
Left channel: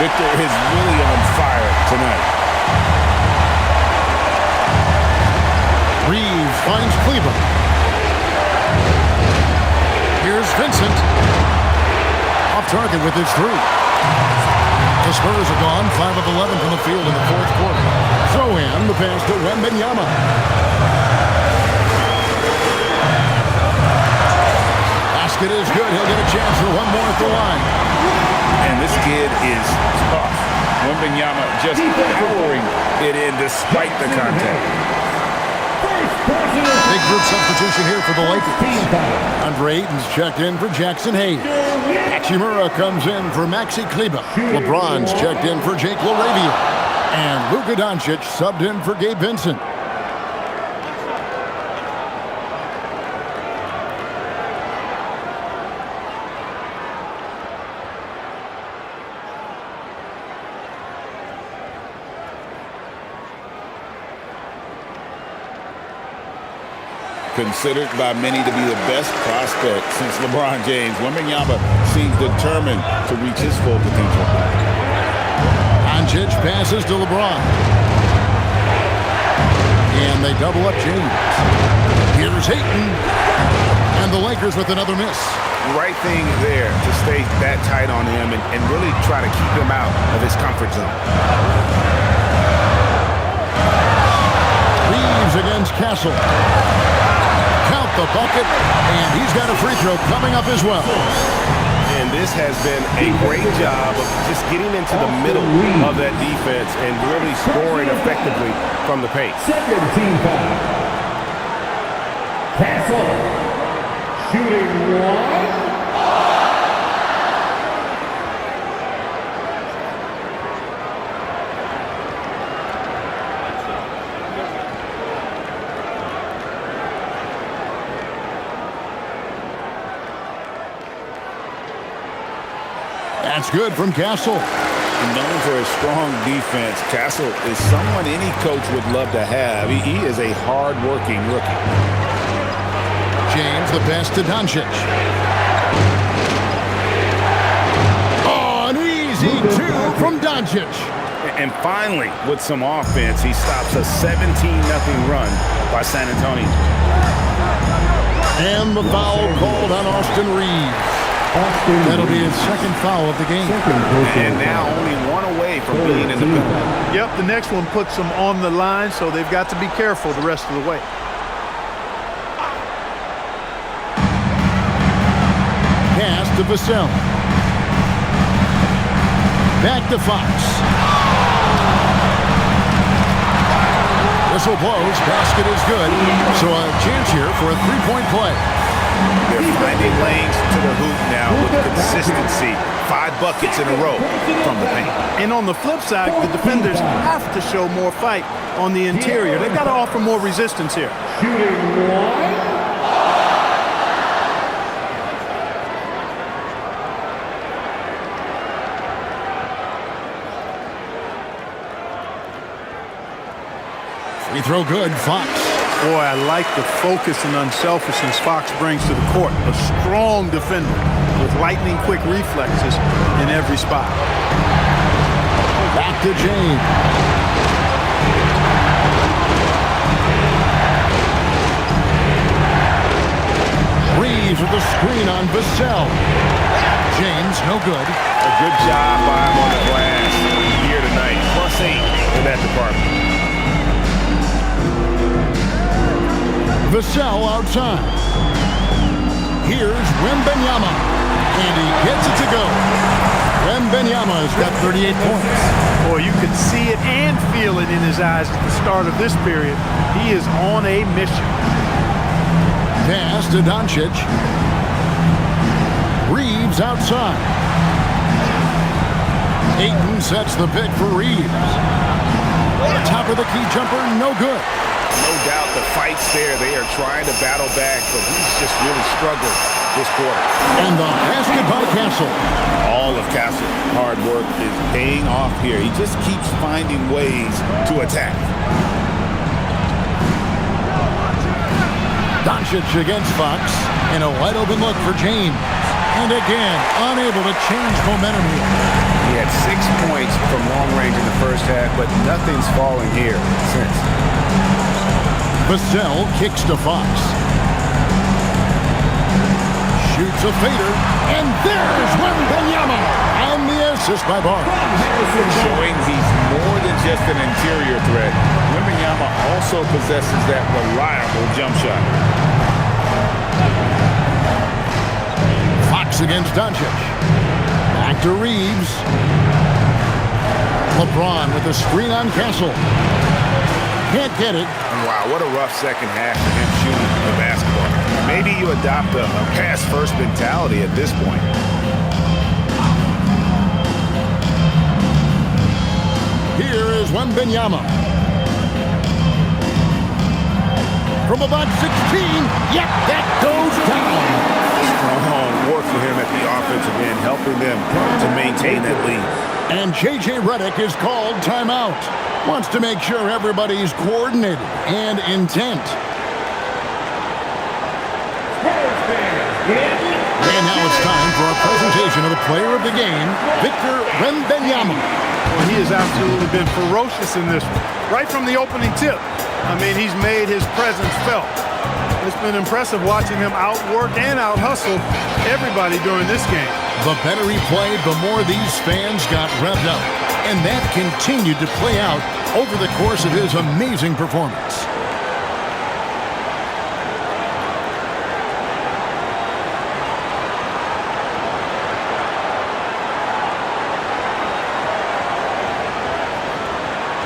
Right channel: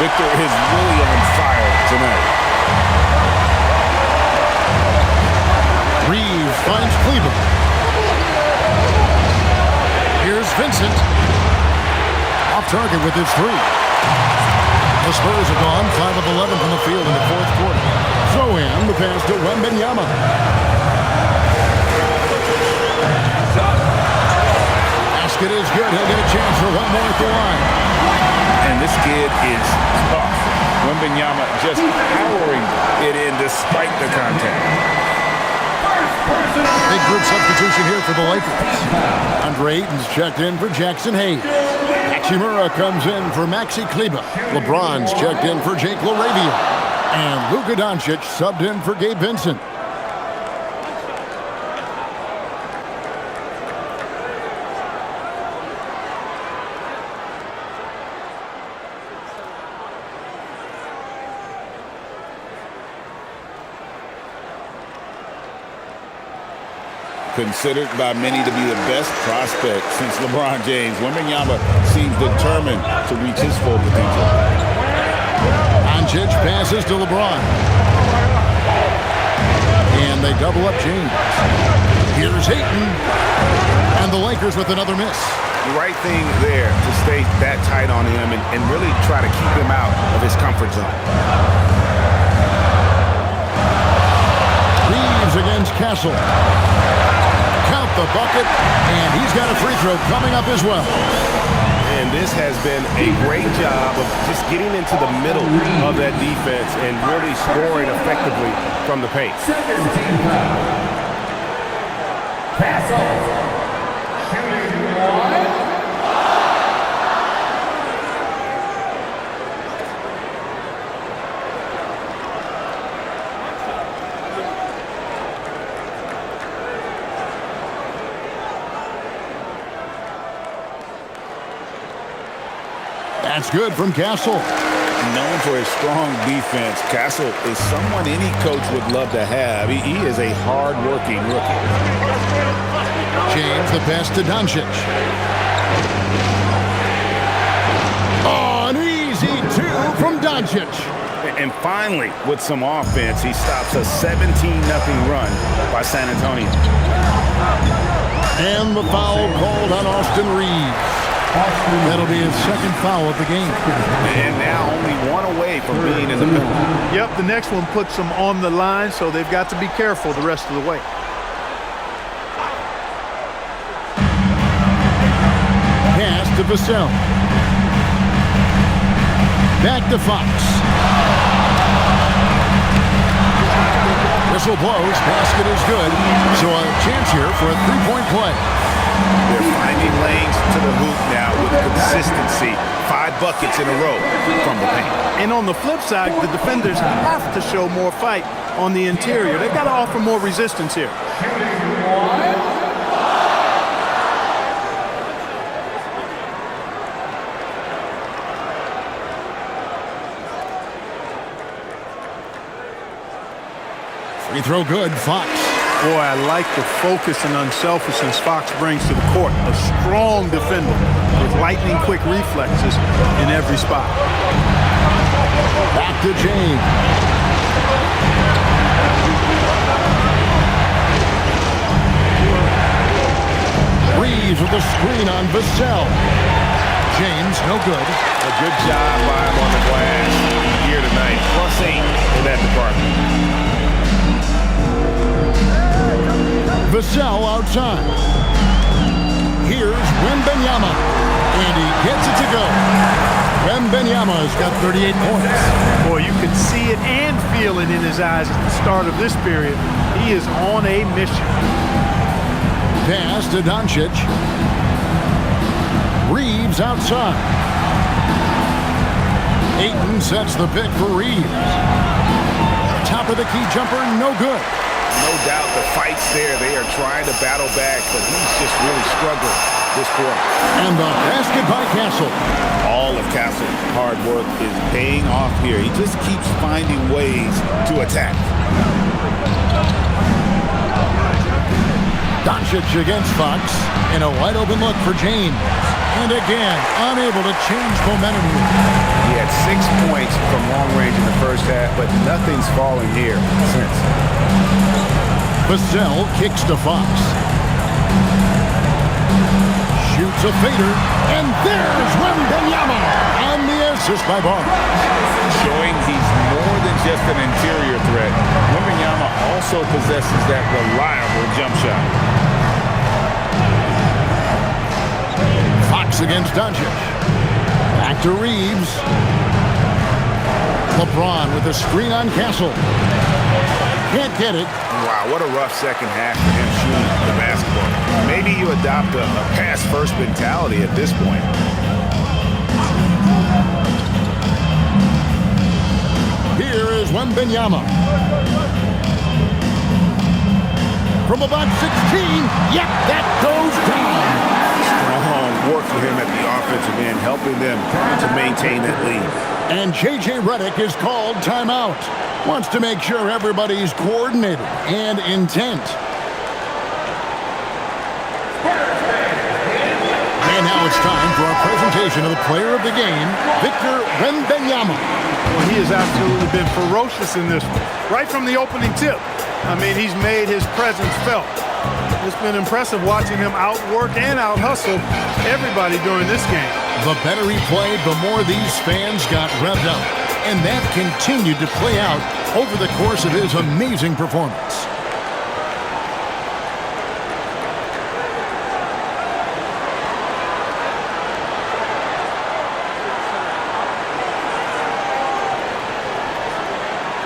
Victor is really on fire tonight. Reeves finds Kleber. Here's Vincent. Off target with his 3. The Spurs have gone 5 of 11 from the field in the fourth quarter. Zohan, the pass to Wembanyama. Basket is good. He'll get a chance for one more at the line. And this kid is tough. Wembanyama just powering it in despite the contact. Big group substitution here for the Lakers. Andre Ayton's checked in for Jackson Hayes. Hachimura comes in for Maxi Kleber. LeBron's checked in for Jake LaRavia. And Luka Doncic subbed in for Gabe Vincent. Considered by many to be the best prospect since LeBron James, Wembanyama seems determined to reach his full potential. Doncic passes to LeBron. And they double up James. Here's Ayton. And the Lakers with another miss. The right thing there to stay that tight on him and really try to keep him out of his comfort zone. Reeves against Castle. Count the bucket, and he's got a free throw coming up as well. And this has been a great job of just getting into the middle of that defense and really scoring effectively from the paint. Second team foul. Castle. Shooting 1. That's good from Castle. Known for his strong defense, Castle is someone any coach would love to have. He is a hard-working rookie. James the pass to Doncic. Oh, an easy 2 from Doncic. And finally, with some offense, he stops a 17-0 run by San Antonio. And the foul called on Austin Reeves. That'll be his second foul of the game. And now only one away from being in the penalty. Yep, the next one puts them on the line, so they've got to be careful the rest of the way. Pass to Vassell. Back to Fox. Whistle blows. Basket is good. So a chance here for a three-point play. They're finding lanes to the hoop now with consistency. 5 buckets in a row from the paint. And on the flip side, the defenders have to show more fight on the interior. They've got to offer more resistance here. Free throw good. Fox. Boy, I like the focus and unselfishness Fox brings to the court. A strong defender with lightning-quick reflexes in every spot. Back to James. Reeves with the screen on Vassell. James, no good. A good job by him on the glass here tonight. +8 in that department. Vassell outside. Here's Wembanyama, and he gets it to go. Wembanyama has got 38 points. Boy, you could see it and feel it in his eyes at the start of this period. He is on a mission. Pass to Doncic. Reeves outside. Ayton sets the pick for Reeves. Top of the key jumper, no good. No doubt the fight's there. They are trying to battle back, but he's just really struggling this quarter. And the basket by Castle. All of Castle's hard work is paying off here. He just keeps finding ways to attack. Doncic against Fox, and a wide open look for James. And again, unable to change momentum here. He had 6 points from long range in the first half, but nothing's falling here since. Vassell kicks to Fox. Shoots a fader, and there's Wembanyama on the assist by Barnes. Showing he's more than just an interior threat. Wembanyama also possesses that reliable jump shot. Fox against Doncic. Back to Reeves. LeBron with a screen on Castle. Can't get it. Wow, what a rough second half for him shooting the basketball. Maybe you adopt a pass-first mentality at this point. Here is Wembanyama. From about 16, yep, that goes down. Strong work for him at the offensive end, helping them to maintain that lead. And J.J. Redick is called timeout. Wants to make sure everybody's coordinated and intent. And now it's time for our presentation of the player of the game, Victor Wembanyama. Well, he has absolutely been ferocious in this one. Right from the opening tip. I mean, he's made his presence felt. It's been impressive watching him outwork and out-hustle everybody during this game. The better he played, the more these fans got revved up. And that continued to play out over the course of his amazing performance.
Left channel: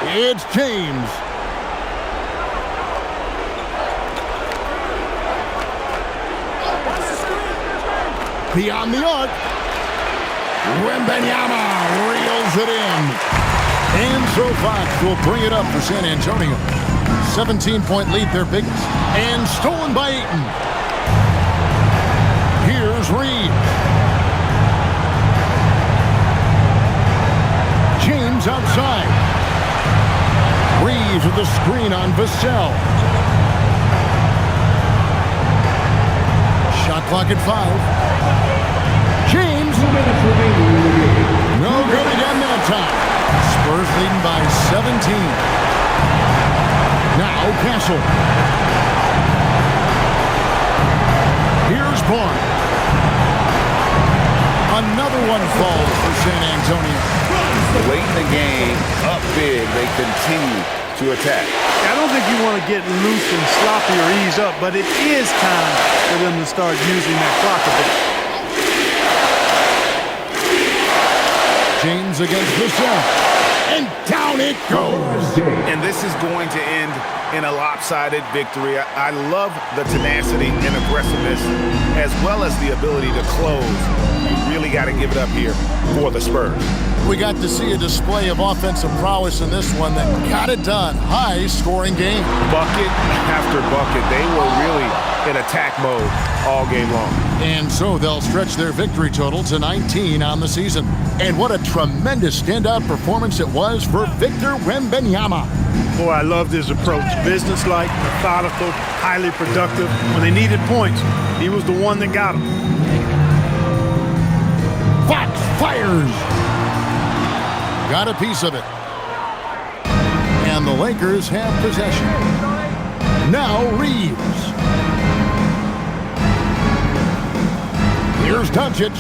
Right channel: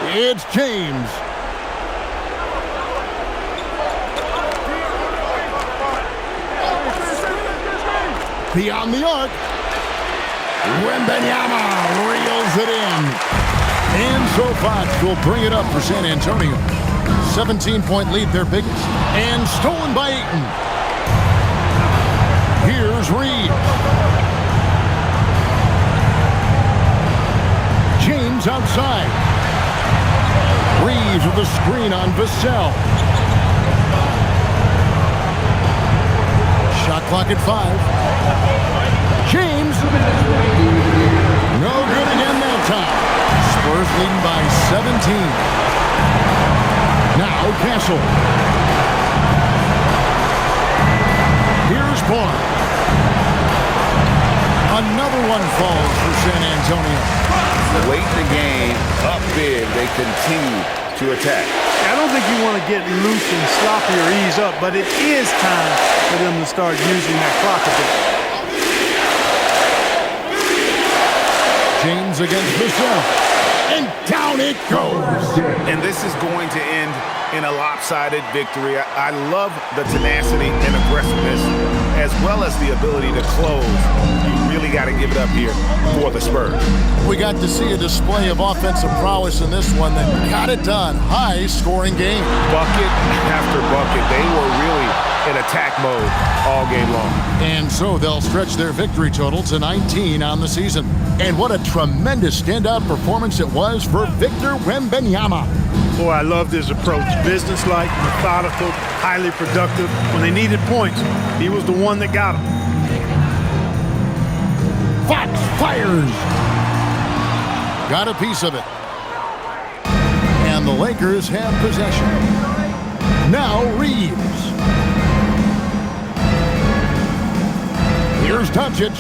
It's James. Beyond the arc. Wembanyama reels it in. And so Fox will bring it up for San Antonio. 17-point lead, their biggest. And stolen by Ayton. Here's Reeves. James outside. Reeves with the screen on Vassell. Shot clock at 5. James. No good again that time. Spurs leading by 17. Now Castle. Here's Barnes. Another one falls for San Antonio. Late in the game, up big, they continue to attack. I don't think you want to get loose and sloppy or ease up, but it is time for them to start using that clock a bit. Pelicans against the Celtics. And down it goes. And this is going to end in a lopsided victory. I love the tenacity and aggressiveness as well as the ability to close. You really got to give it up here for the Spurs. We got to see a display of offensive prowess in this one that got it done. High-scoring game. Bucket after bucket. They were really in attack mode all game long. And so they'll stretch their victory total to 19 on the season. And what a tremendous standout performance it was for Victor Wembanyama. Boy, I loved his approach. Businesslike, methodical, highly productive. When they needed points, he was the one that got them. Fox fires. Got a piece of it. And the Lakers have possession. Now Reeves. Here's Doncic.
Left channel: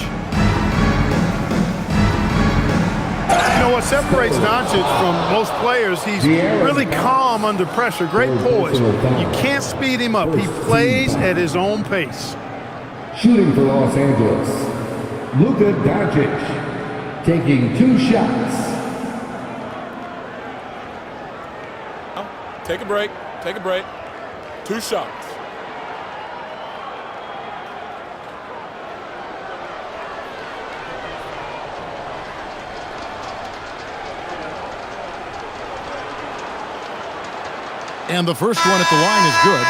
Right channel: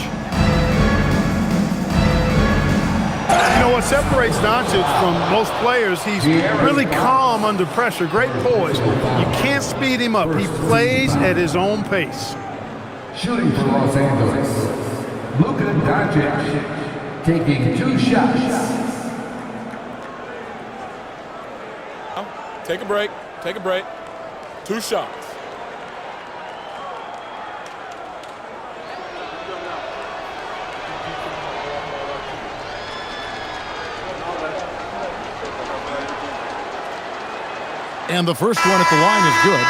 You know what separates Doncic from most players? He's really calm under pressure. Great poise. You can't speed him up. He plays at his own pace. Shooting for Los Angeles, Luka Doncic, taking 2 shots. Take a break. Take a break. 2 shots. And the first one at the line is good.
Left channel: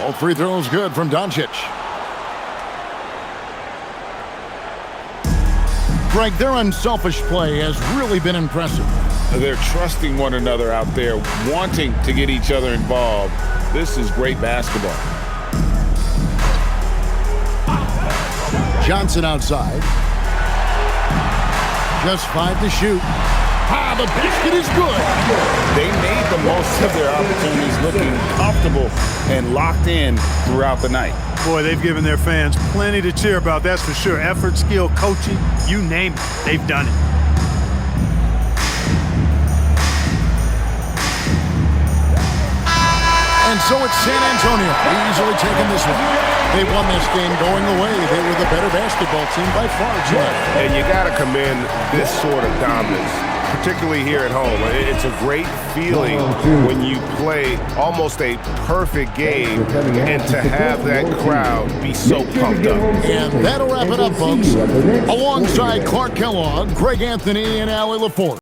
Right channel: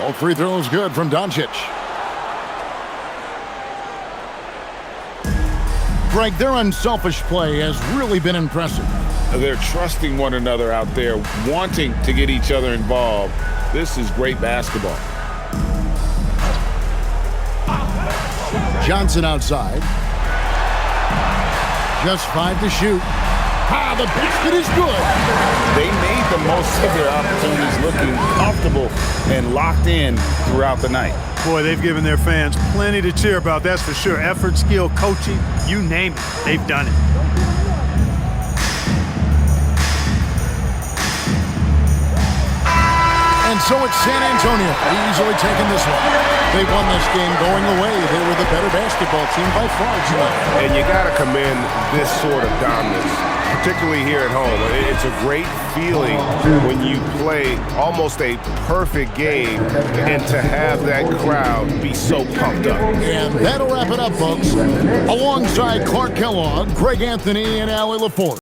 All free throws good from Doncic. Greg, their unselfish play has really been impressive. They're trusting one another out there, wanting to get each other involved. This is great basketball. Johnson outside. Just 5 to shoot. Ah, the basket is good. They made the most of their opportunities, looking comfortable and locked in throughout the night. Boy, they've given their fans plenty to cheer about, that's for sure. Effort, skill, coaching, you name it, they've done it. And so it's San Antonio, easily taking this one. They won this game going away. They were the better basketball team by far tonight. And you got to commend this sort of dominance, particularly here at home. It's a great feeling when you play almost a perfect game and to have that crowd be so pumped up. And that'll wrap it up, folks. Alongside Clark Kellogg, Greg Anthony, and Allie LaForce.